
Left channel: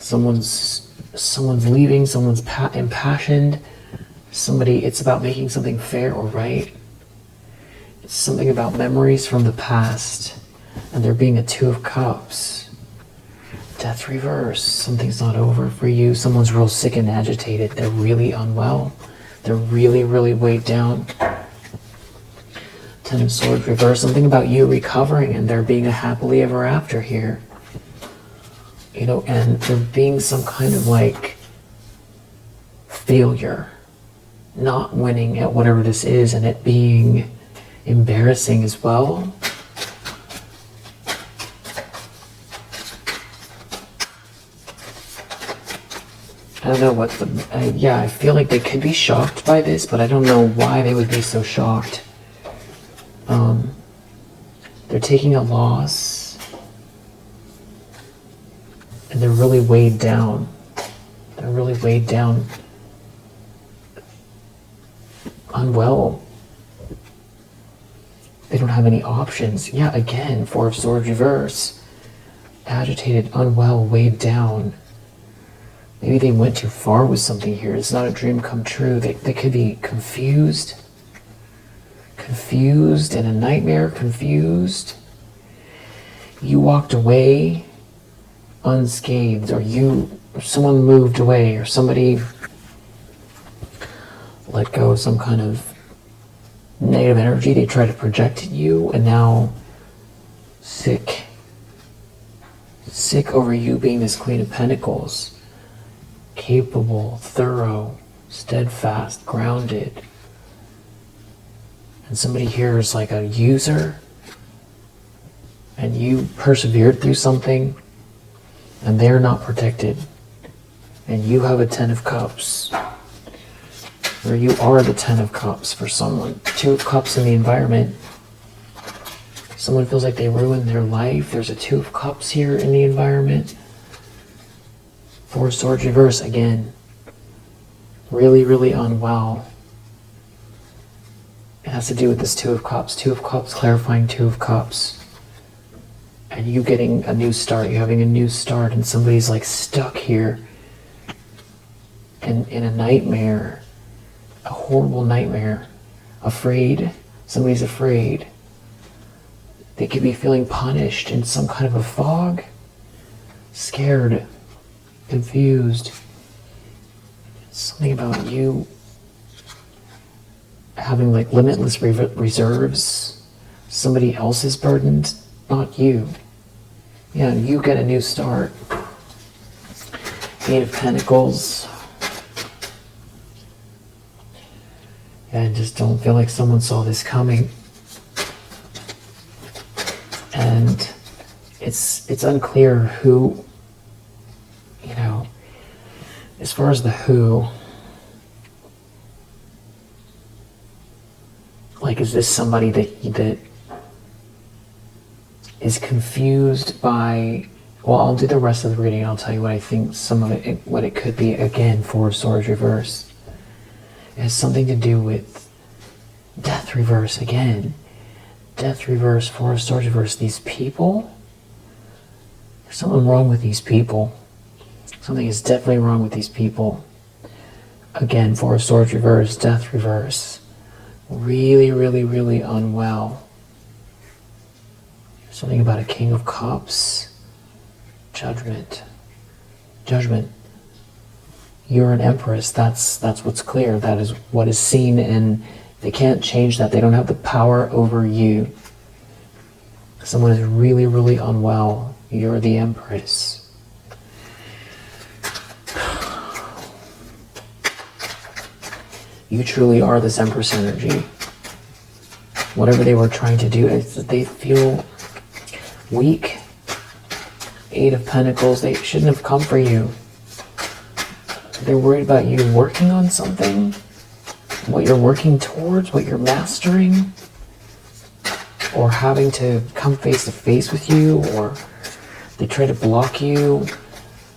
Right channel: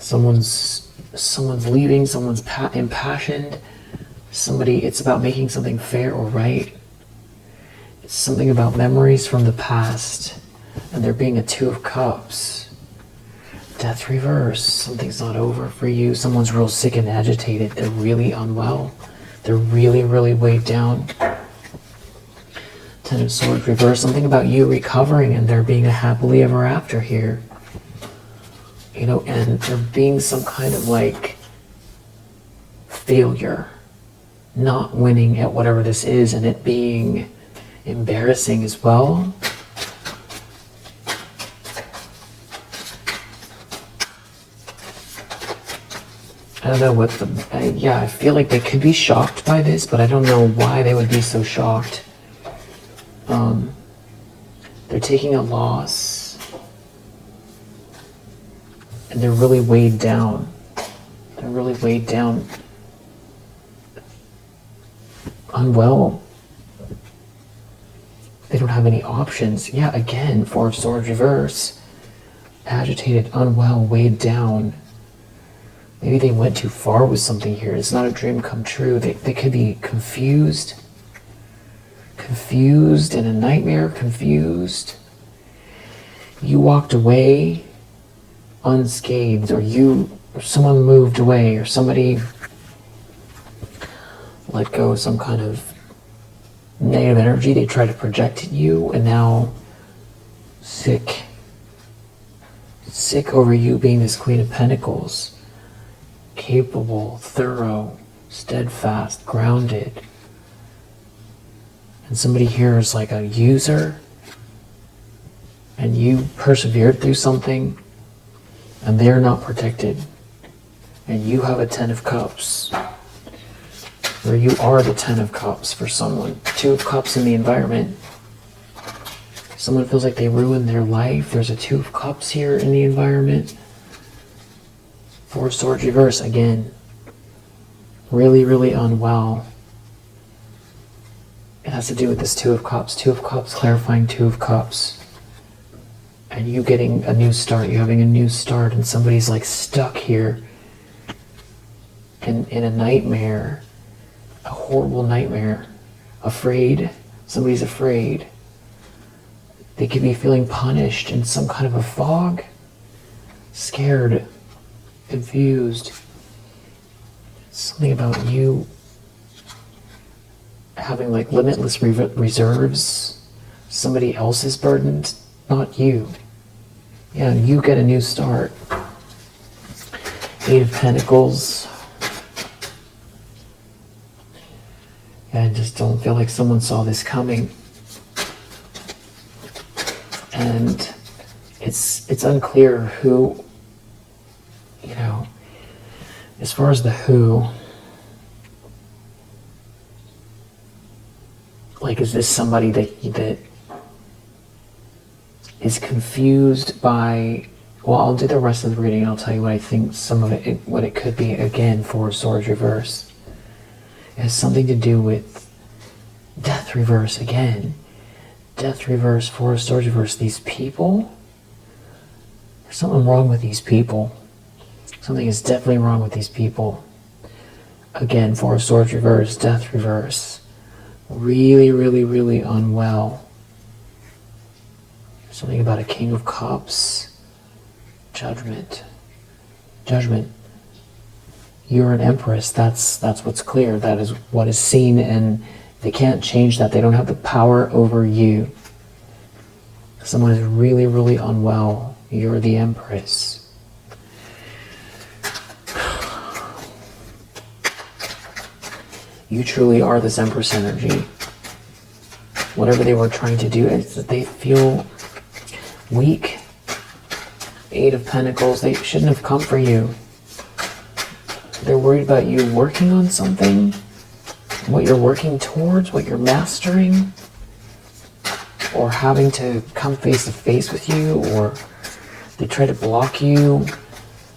Someone's leaving. Someone's impassioned. Somebody. It's about making something fair or right. It's something about memories from the past, and there being a Two of Cups. Death reverse. Something's not over for you. Someone's real sick and agitated. They're really unwell. They're really, really weighed down. Ten of Swords reverse. Something about you recovering and there being a happily ever after here. You know, and there being some kind of like failure. Not winning at whatever this is, and it being embarrassing as well. I don't know what the... yeah, I feel like they could be shocked by this, but I don't know why they would be so shocked. They're taking a loss. And they're really weighed down. They're really weighed down. Unwell. They don't have any options. Yeah, again, Four of Swords reverse. Agitated, unwell, weighed down. Maybe they went too far with something here. It's not a dream come true. They could be confused. Confused in a nightmare. Confused. You walked away unscathed, or someone moved away, or somebody let go of some kind of negative energy they tried to project at you, and now sick over you being this Queen of Pentacles. Capable, thorough, steadfast, grounded. And somebody here is like a user, and you persevered through something, and they're not protected. And you have a 10 of Cups, or you are the 10 of Cups for someone. 2 of Cups in the environment. Someone feels like they ruined their life. There's a 2 of Cups here in the environment. 4 of Swords reverse again. Really, really unwell. It has to do with this 2 of Cups. 2 of Cups clarifying 2 of Cups. And you getting a new start. You having a new start, and somebody's like stuck here in a nightmare. A horrible nightmare. Afraid. Somebody's afraid. They could be feeling punished in some kind of a fog. Scared. Confused. Something about you having like limitless reserves. Somebody else is burdened, not you. Yeah, you get a new start. 8 of Pentacles. And just don't feel like someone saw this coming. And it's unclear who, you know, as far as the who, like, is this somebody that is confused by, well, I'll do the rest of the reading and I'll tell you what I think some of it, what it could be. Again, 4 of Swords reverse. It has something to do with Death reverse again. Death reverse, 4 of Swords reverse. These people, there's something wrong with these people. Something is definitely wrong with these people. Again, 4 of Swords reverse, Death reverse. Really, really, really unwell. Something about a King of Cups. Judgment. Judgment. You're an empress. That's what's clear. That is what is seen, and they can't change that. They don't have the power over you. Someone is really, really unwell. You're the empress. You truly are this empress energy. Whatever they were trying to do, is that they feel weak. 8 of Pentacles, they shouldn't have come for you. They're worried about you working on something, what you're working towards, what you're mastering, or having to come face to face with you, or they try to block you,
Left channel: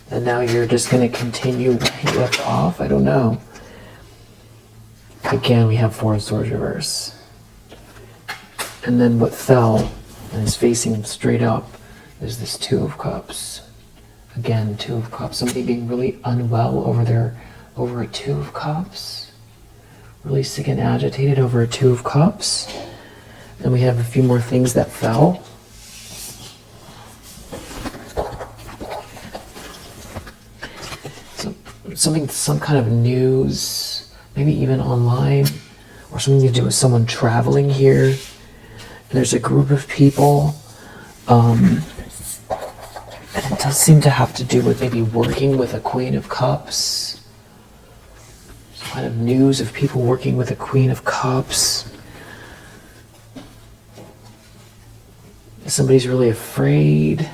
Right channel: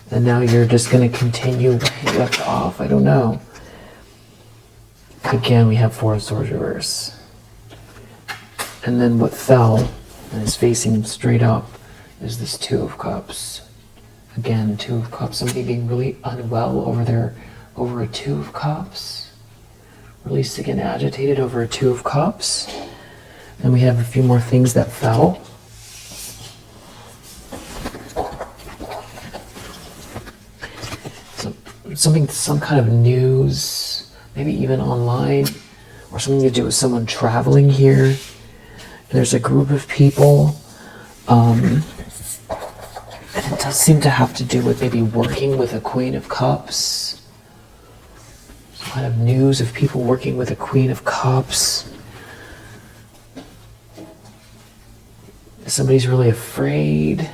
and now you're just going to continue where you left off. I don't know. Again, we have 4 of Swords reverse. And then what fell and is facing straight up is this 2 of Cups. Again, 2 of Cups. Somebody being really unwell over a 2 of Cups. Really sick and agitated over a 2 of Cups. And we have a few more things that fell. So, some kind of news, maybe even online, or something to do with someone traveling here. And there's a group of people. And it does seem to have to do with maybe working with a Queen of Cups. Some kind of news of people working with a Queen of Cups. Somebody's really afraid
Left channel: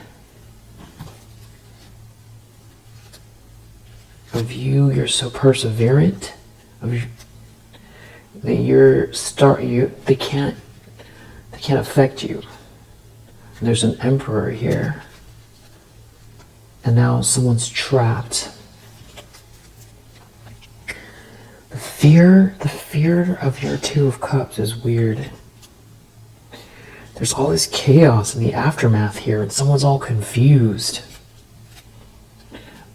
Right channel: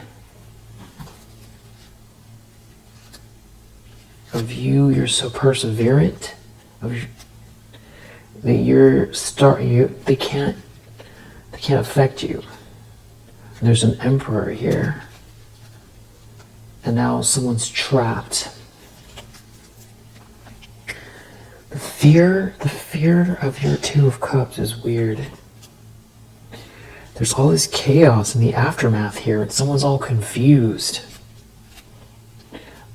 of you. You're so perseverant. They can't affect you. There's an Emperor here. And now someone's trapped. The fear of your 2 of Cups is weird. There's all this chaos in the aftermath here, and someone's all confused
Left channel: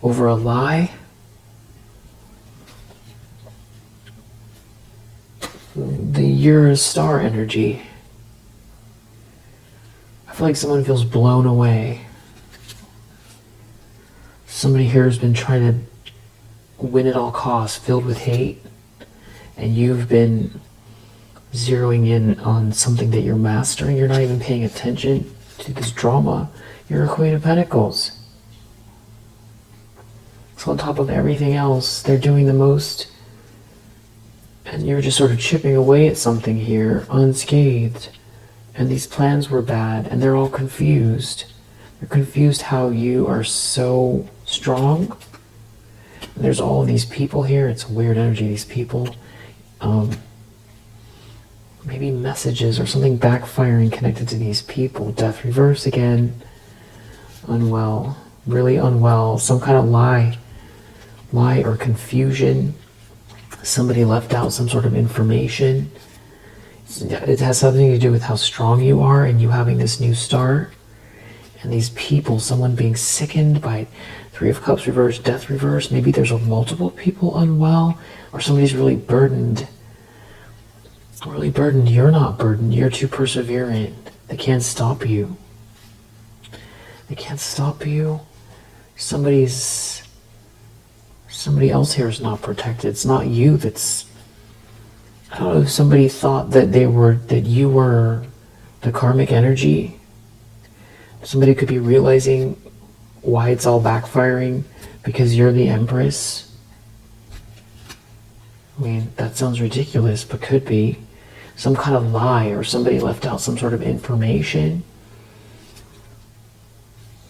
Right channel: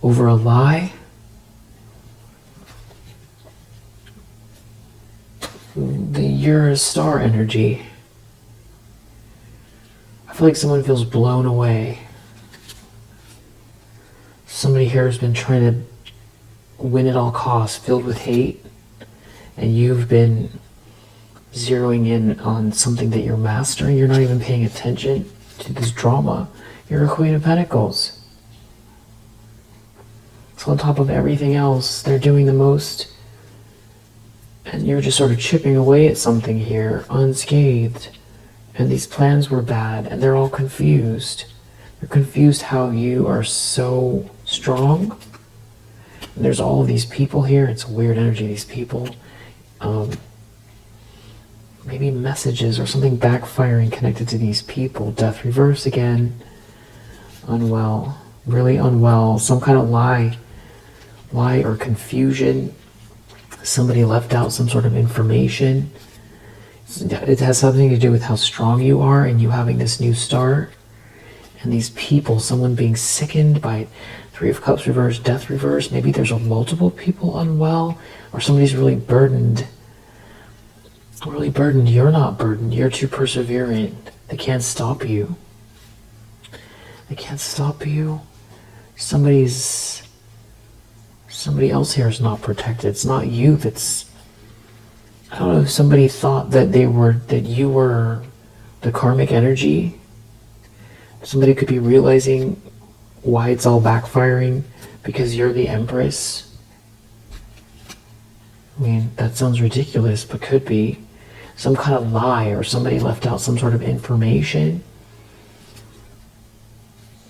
over a lie. You're a star energy. I feel like someone feels blown away. Somebody here has been trying to win at all costs, filled with hate, and you've been zeroing in on something that you're mastering. You're not even paying attention to this drama. You're a Queen of Pentacles. So on top of everything else, they're doing the most And you're just sort of chipping away at something here, unscathed. And these plans were bad, and they're all confused. They're confused how you are so strong. And there's all of these people here. It's weird energy, these people. Maybe messages or something backfiring connected to these people. Death reverse again. Unwell. Really unwell. Some kind of lie or confusion. Somebody left out some sort of information. It has something to do with how strong you are and you having this new start. And these people, someone being sickened by Three of Cups reverse, Death reverse. Maybe there's multiple people unwell, or somebody's really burdened. Really burdened. You're not burdened. You're too perseverant. They can't stop you. They can't stop you. Somebody else here is not protected. It's not you that's... I don't know if somebody thought that you were the karmic energy. Somebody could be realizing why it's all backfiring because you're the empress. I mean, that sounds ridiculous, but could be. Some kind of lie, or somebody left out some sort of information.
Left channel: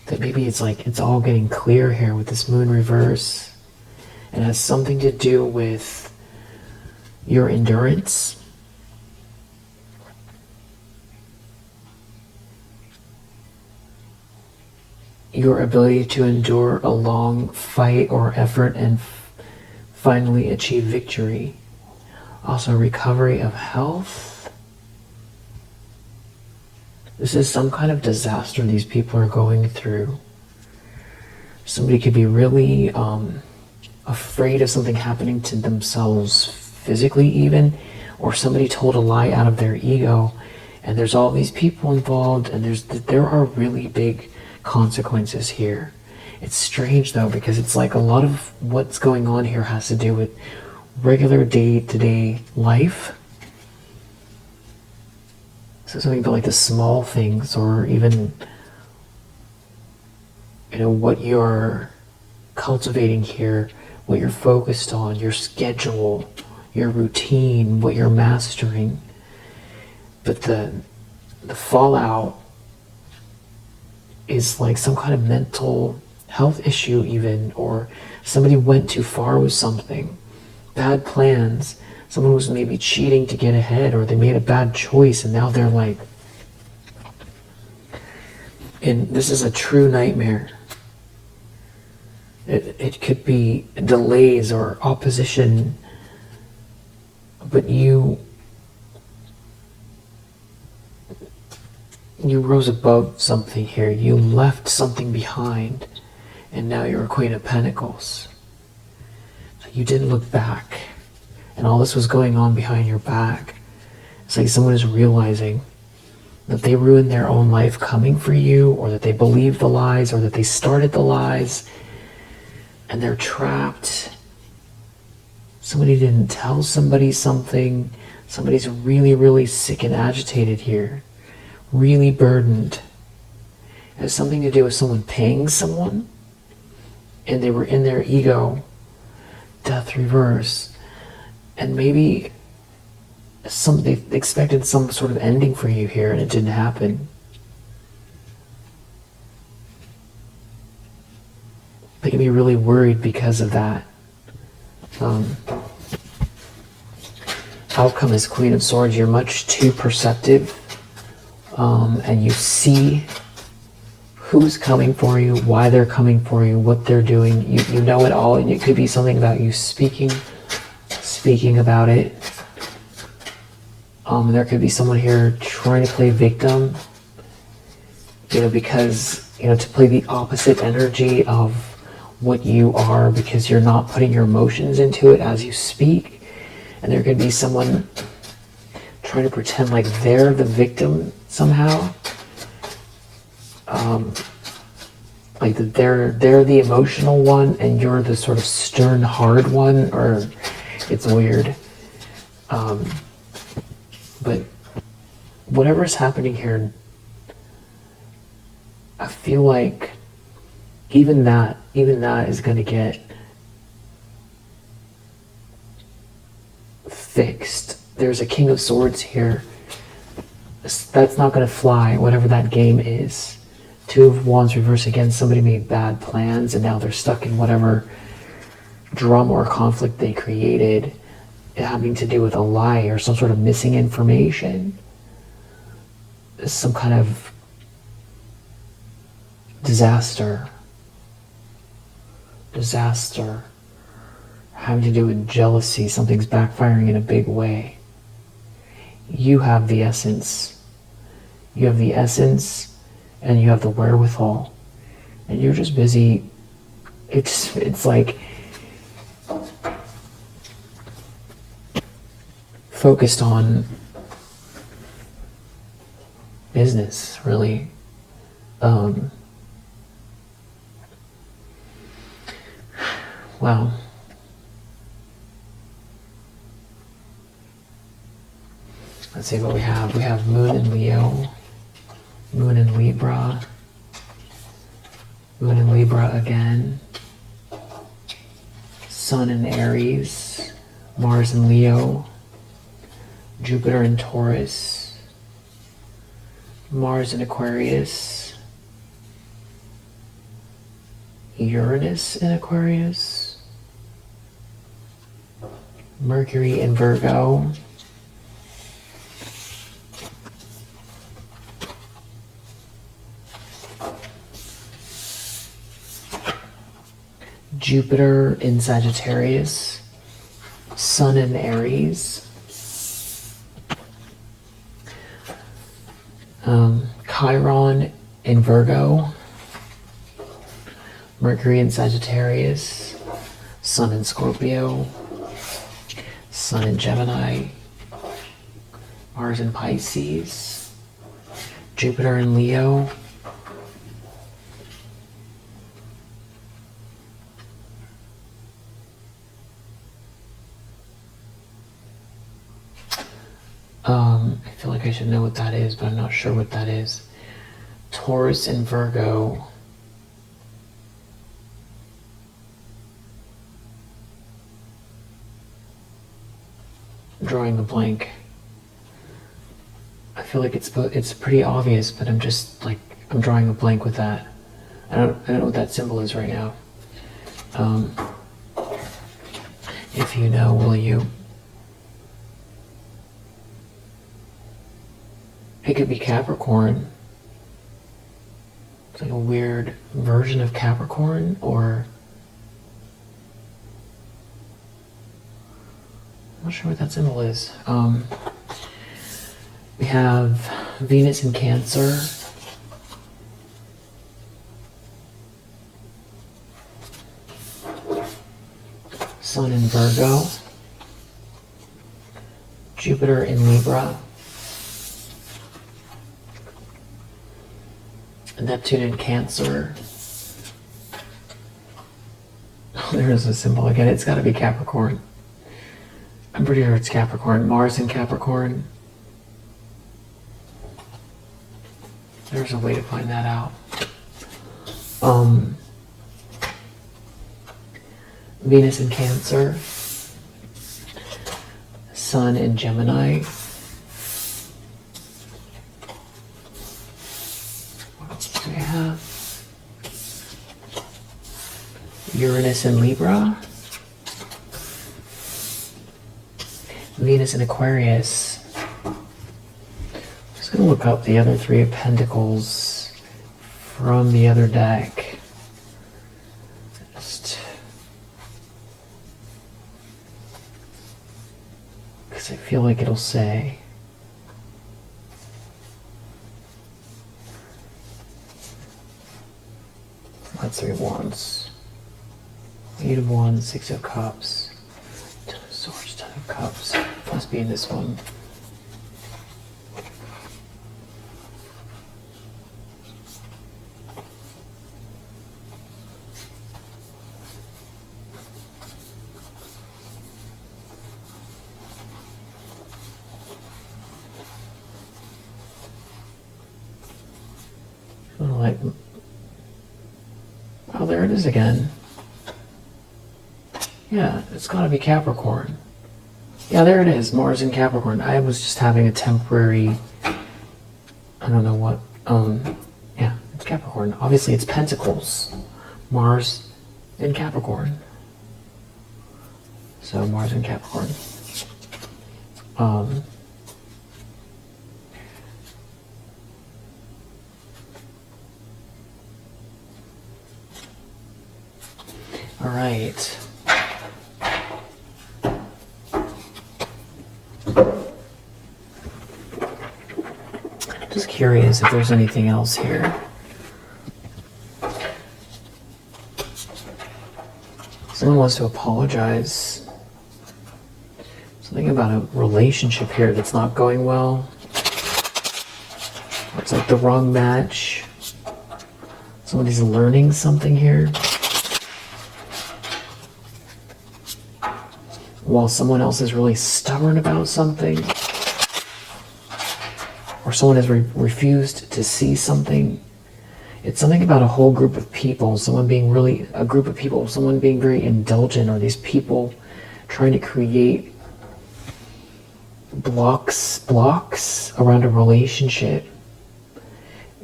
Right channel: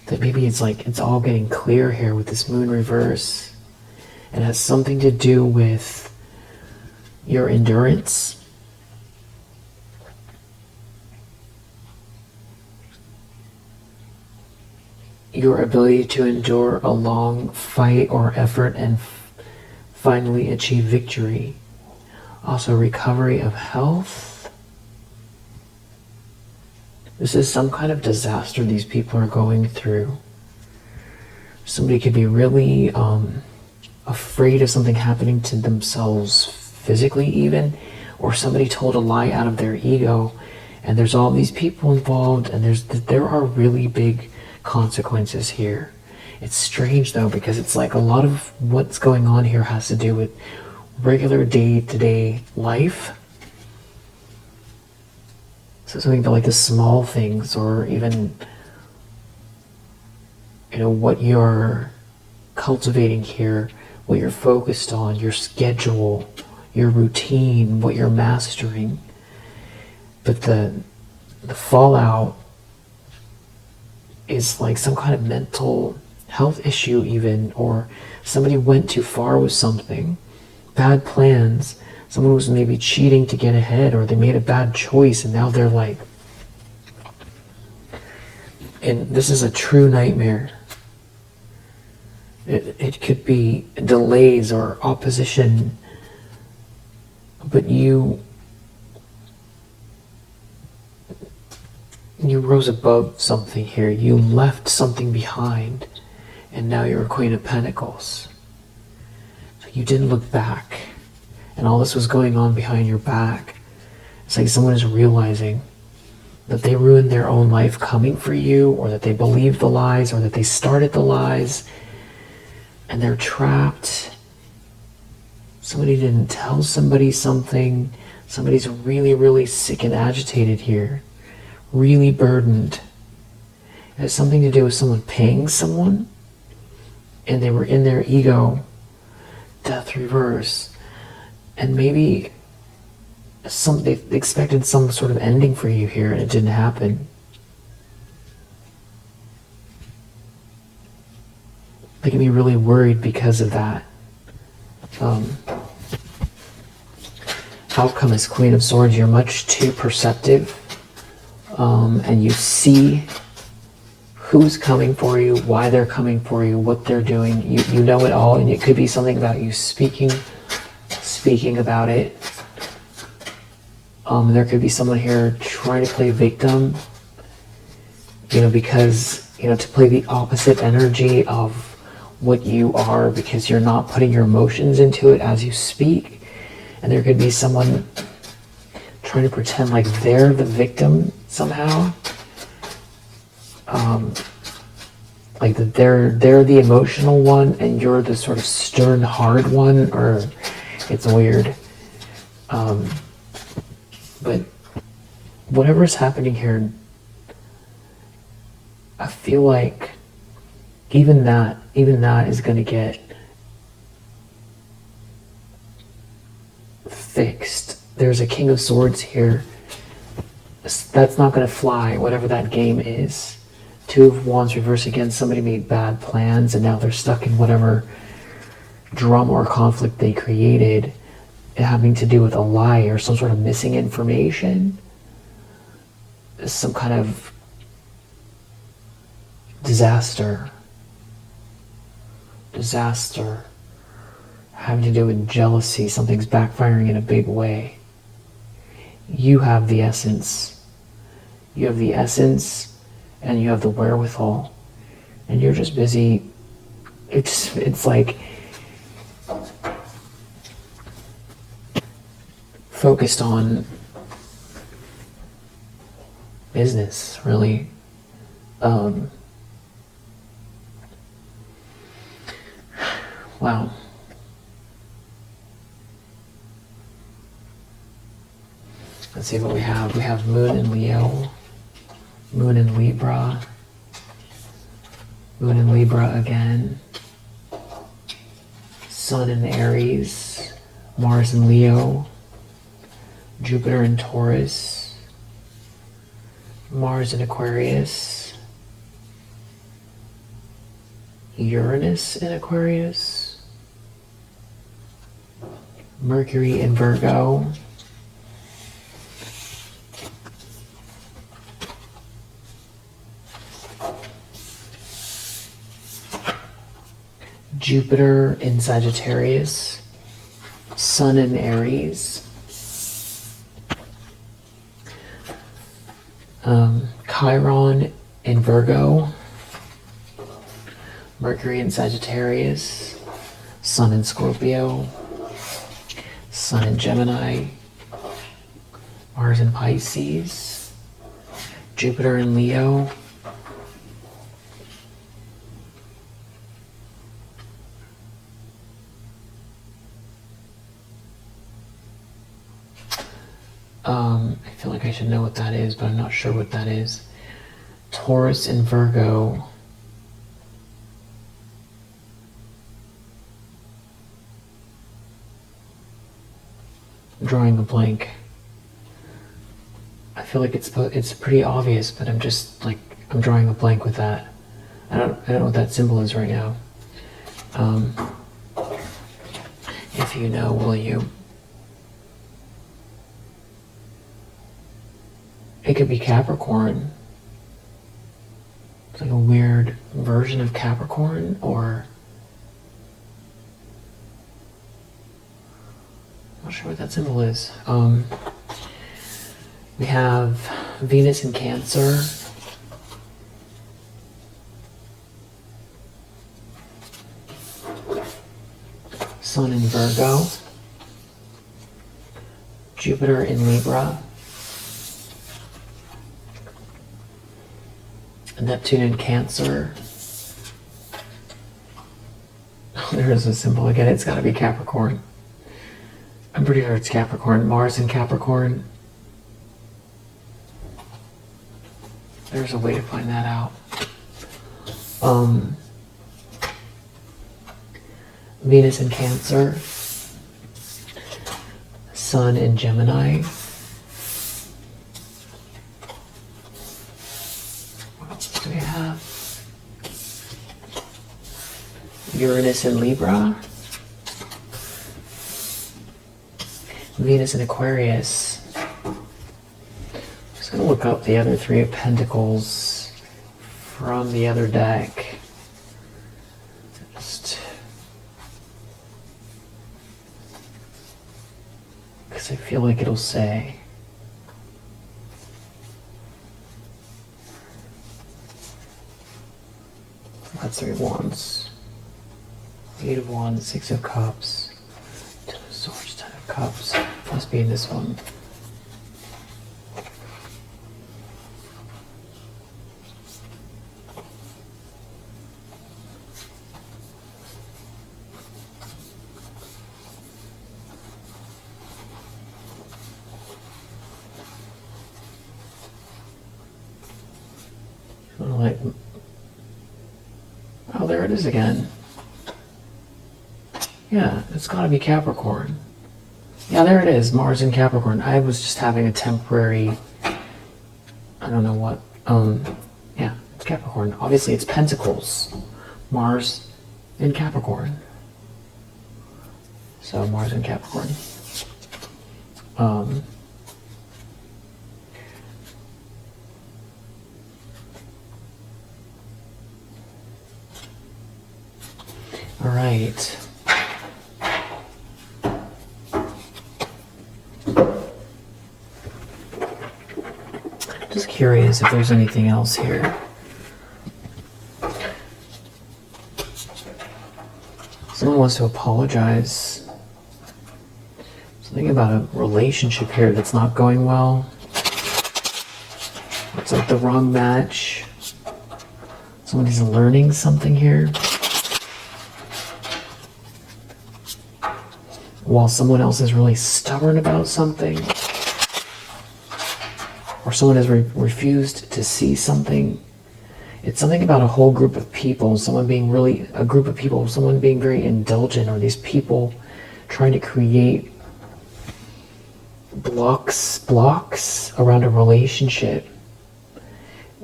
That maybe it's like it's all getting clear here with this moon reverse. It has something to do with your endurance. Your ability to endure a long fight or effort and finally achieve victory. Also recovery of health. This is some kind of disaster these people are going through. Somebody could be really afraid of something happening to themselves physically even, or somebody told a lie out of their ego, and there's all these people involved, and there are really big consequences here. It's strange though, because it's like a lot of what's going on here has to do with regular day-to-day life. So something about like the small things, or even what you're cultivating here, what you're focused on, your schedule, your routine, what you're mastering. But the fallout is like some kind of mental health issue even, or somebody went too far with something. Bad plans. Someone was maybe cheating to get ahead, or they made a bad choice and now they're like... And this is a true nightmare. It could be delays or opposition, but you rose above something here. You left something behind, and now you're a Queen of Pentacles. So you didn't look back, and all this was going on behind your back. It's like someone is realizing that they ruined their own life coming for you, or that they believed the lies, or that they started the lies, and they're trapped. Somebody didn't tell somebody something. Somebody's really, really sick and agitated here. Really burdened. It has something to do with someone paying someone, and they were in their ego. Death reverse. And maybe they expected some sort of ending for you here, and it didn't happen. They can be really worried because of that. Outcome is Queen of Swords. You're much too perceptive, and you see who's coming for you, why they're coming for you, what they're doing. You know it all, and it could be something about you speaking about it. There could be someone here trying to play victim, because, to play the opposite energy of what you are, because you're not putting your emotions into it as you speak. And there could be someone trying to pretend like they're the victim somehow. Like that they're the emotional one and you're the sort of stern, hard one, or it's weird. But whatever is happening here, I feel like even that is going to get thick. there's a King of Swords here. That's not going to fly, whatever that game is. Two of Wands reversed again. Somebody made bad plans and now they're stuck in whatever drama or conflict they created, having to do with a lie or some sort of missing information. Some kind of disaster. Having to do with jealousy. Something's backfiring in a big way. You have the essence. You have the essence and you have the wherewithal. And you're just busy. It's like focused on business, really. Wow. Let's see what we have. We have Moon in Leo, Moon in Libra, Moon in Libra again, Sun in Aries, Mars in Leo, Jupiter in Taurus, Mars in Aquarius, Uranus in Aquarius, Mercury in Virgo, Jupiter in Sagittarius, Sun in Aries, Chiron in Virgo, Mercury in Sagittarius, Sun in Scorpio, Sun in Gemini, Mars in Pisces, Jupiter in Leo, I feel like I should know what that is, but I'm not sure what that is. Taurus and Virgo. I'm drawing a blank. I feel like it's pretty obvious, but I'm just like, I'm drawing a blank with that. I don't know what that symbol is right now. If you know, will you? It could be Capricorn. It's like a weird version of Capricorn, or I'm not sure what that symbol is. We have Venus in Cancer, Sun in Virgo, Jupiter in Libra, Neptune in Cancer. There's a symbol again. It's got to be Capricorn. I'm pretty sure it's Capricorn. Mars in Capricorn. There's a way to find that out. Venus in Cancer. Sun in Gemini. What else do we have? Uranus in Libra. Venus in Aquarius. I'm just going to look up the other Three of Pentacles from the other deck. Just because I feel like it'll say. That's Three of Wands. Eight of Wands, Six of Cups, Ten of Swords, Ten of Cups. Must be in this one. Like, oh, there it is again. Yeah, it's gotta be Capricorn. Yeah, there it is, Mars in Capricorn. I was just having a temporary, I don't know what, yeah, it's Capricorn. Obviously it's Pentacles. Mars in Capricorn. So Mars in Capricorn. All right. Just curious if there's anything else here. Someone wants to apologize. Something about a relationship here that's not going well. It's like the wrong match. Somebody's learning something here. While someone else is really stubborn about something. Or someone has refused to see something. It's something about a whole group of people, someone being really, a group of people, someone being very indulgent, or these people trying to create blocks around a relationship.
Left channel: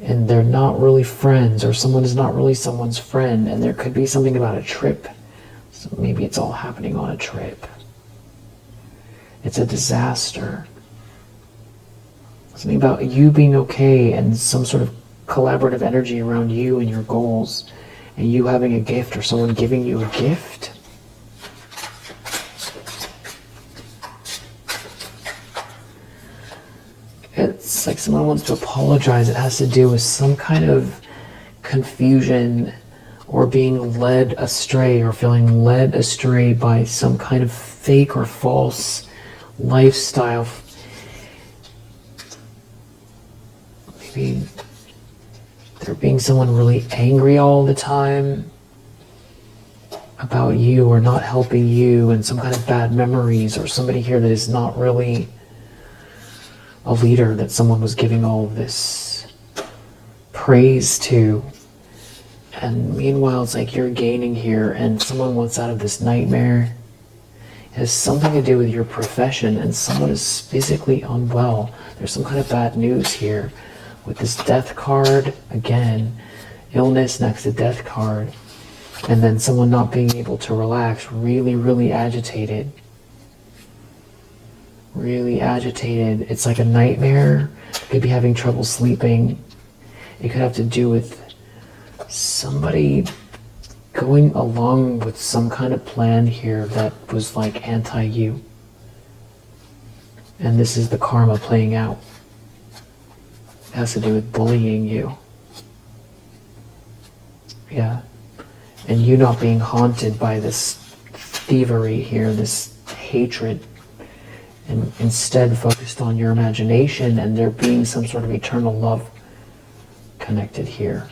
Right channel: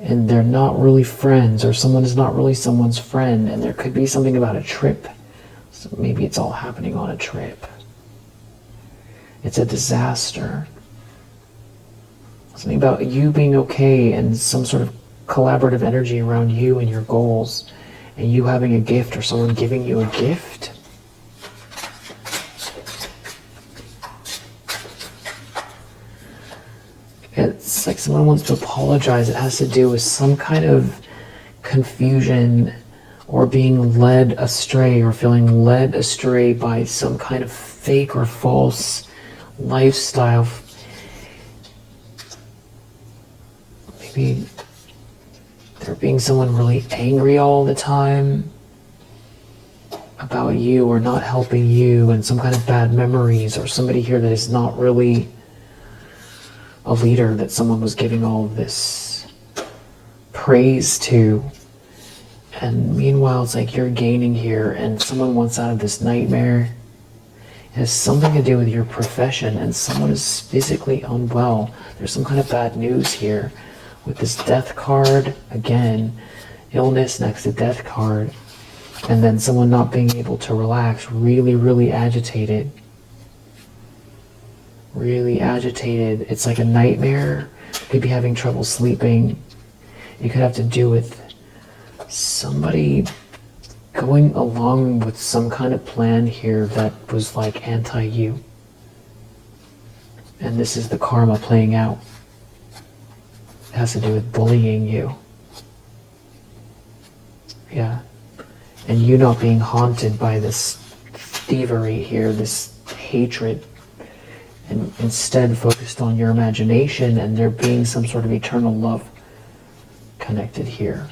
And they're not really friends, or someone is not really someone's friend, and there could be something about a trip. So maybe it's all happening on a trip. It's a disaster. Something about you being okay and some sort of collaborative energy around you and your goals, and you having a gift or someone giving you a gift. It's like someone wants to apologize. It has to do with some kind of confusion or being led astray or feeling led astray by some kind of fake or false lifestyle. Maybe they're being someone really angry all the time about you or not helping you, and some kind of bad memories, or somebody here that is not really a leader that someone was giving all of this praise to. And meanwhile, it's like you're gaining here, and someone wants out of this nightmare. It has something to do with your profession, and someone is physically unwell. There's some kind of bad news here. With this death card, again, illness next to death card, and then someone not being able to relax, really, really agitated. Really agitated. It's like a nightmare. You could be having trouble sleeping. It could have to do with somebody going along with some kind of plan here that was like anti-you. And this is the karma playing out. It has to do with bullying you. Yeah. And you not being haunted by this thievery here, this hatred, and instead focused on your imagination and there being some sort of eternal love connected here.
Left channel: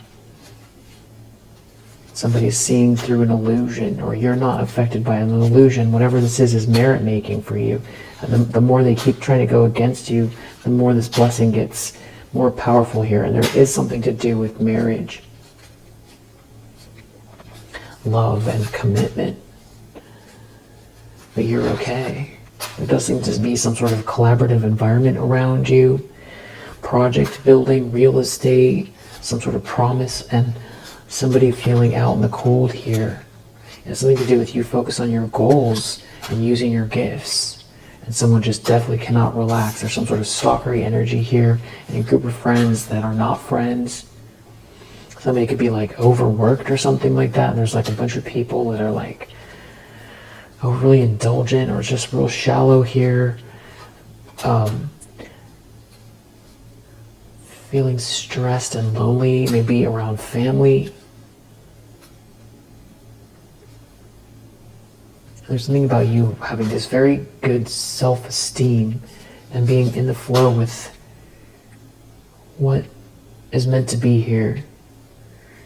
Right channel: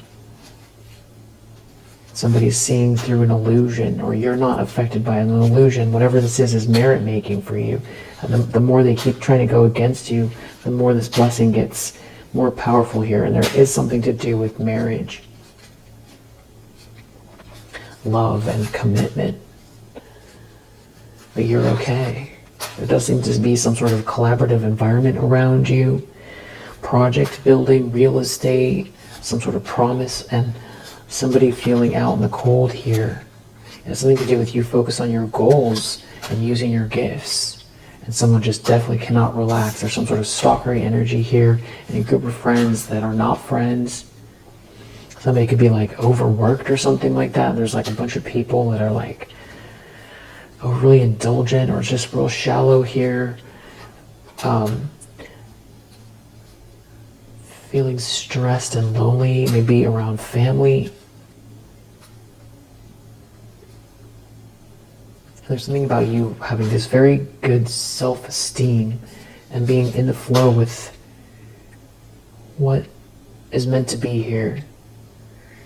Somebody's seeing through an illusion, or you're not affected by an illusion. Whatever this is merit making for you. And the more they keep trying to go against you, the more this blessing gets more powerful here. And there is something to do with marriage, love, and commitment. But you're okay. There does seem to be some sort of collaborative environment around you, project building, real estate, some sort of promise, and somebody feeling out in the cold here. It has something to do with you focus on your goals and using your gifts. And someone just definitely cannot relax. There's some sort of stalkery energy here in a group of friends that are not friends. Somebody could be like overworked or something like that. There's like a bunch of people that are like overly indulgent or just real shallow here. Feeling stressed and lonely, maybe around family. There's something about you having this very good self-esteem and being in the flow with what is meant to be here.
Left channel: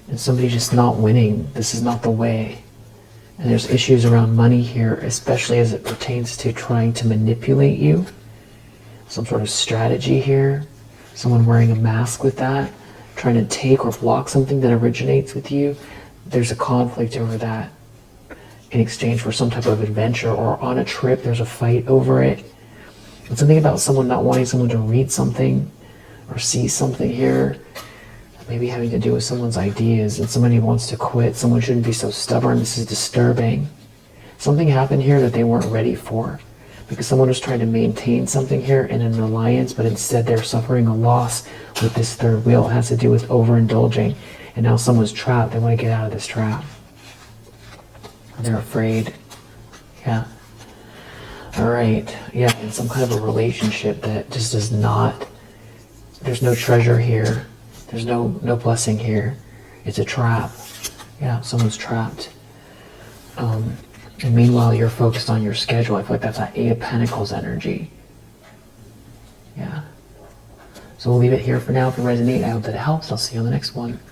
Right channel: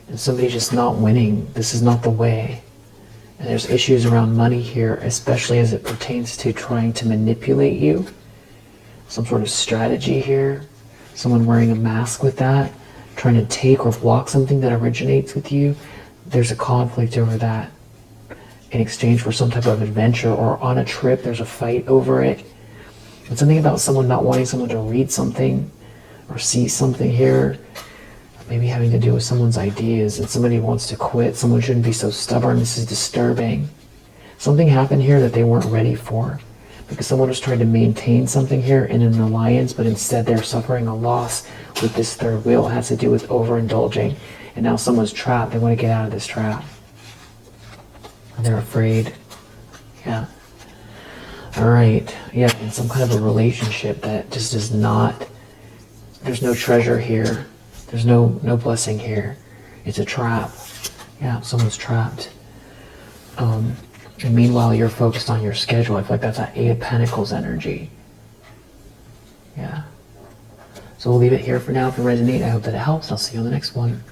And somebody just not winning. This is not the way. And there's issues around money here, especially as it pertains to trying to manipulate you. Some sort of strategy here. Someone wearing a mask with that, trying to take or block something that originates with you. There's a conflict over that. in exchange for some type of adventure, or on a trip there's a fight over it. It's something about someone not wanting someone to read something or see something here. Maybe having to do with someone's ideas, and somebody wants to quit. Someone shouldn't be so stubborn. This is disturbing. Something happened here that they weren't ready for, because someone was trying to maintain something here in an alliance, but instead they're suffering a loss with this third wheel. It has to do with overindulging, and now someone's trapped. They want to get out of this trap. They're afraid. Yeah. All right. Yeah, in some kind of a relationship that just is not, there's no treasure here. There's no blessing here. It's a trap. Yeah, someone's trapped. Meanwhile, you're focused on your schedule. I feel like that's that Eight of Pentacles energy. Yeah. So we'll leave it here for now. If you resonate, I hope that it helps. I'll see you on the next one.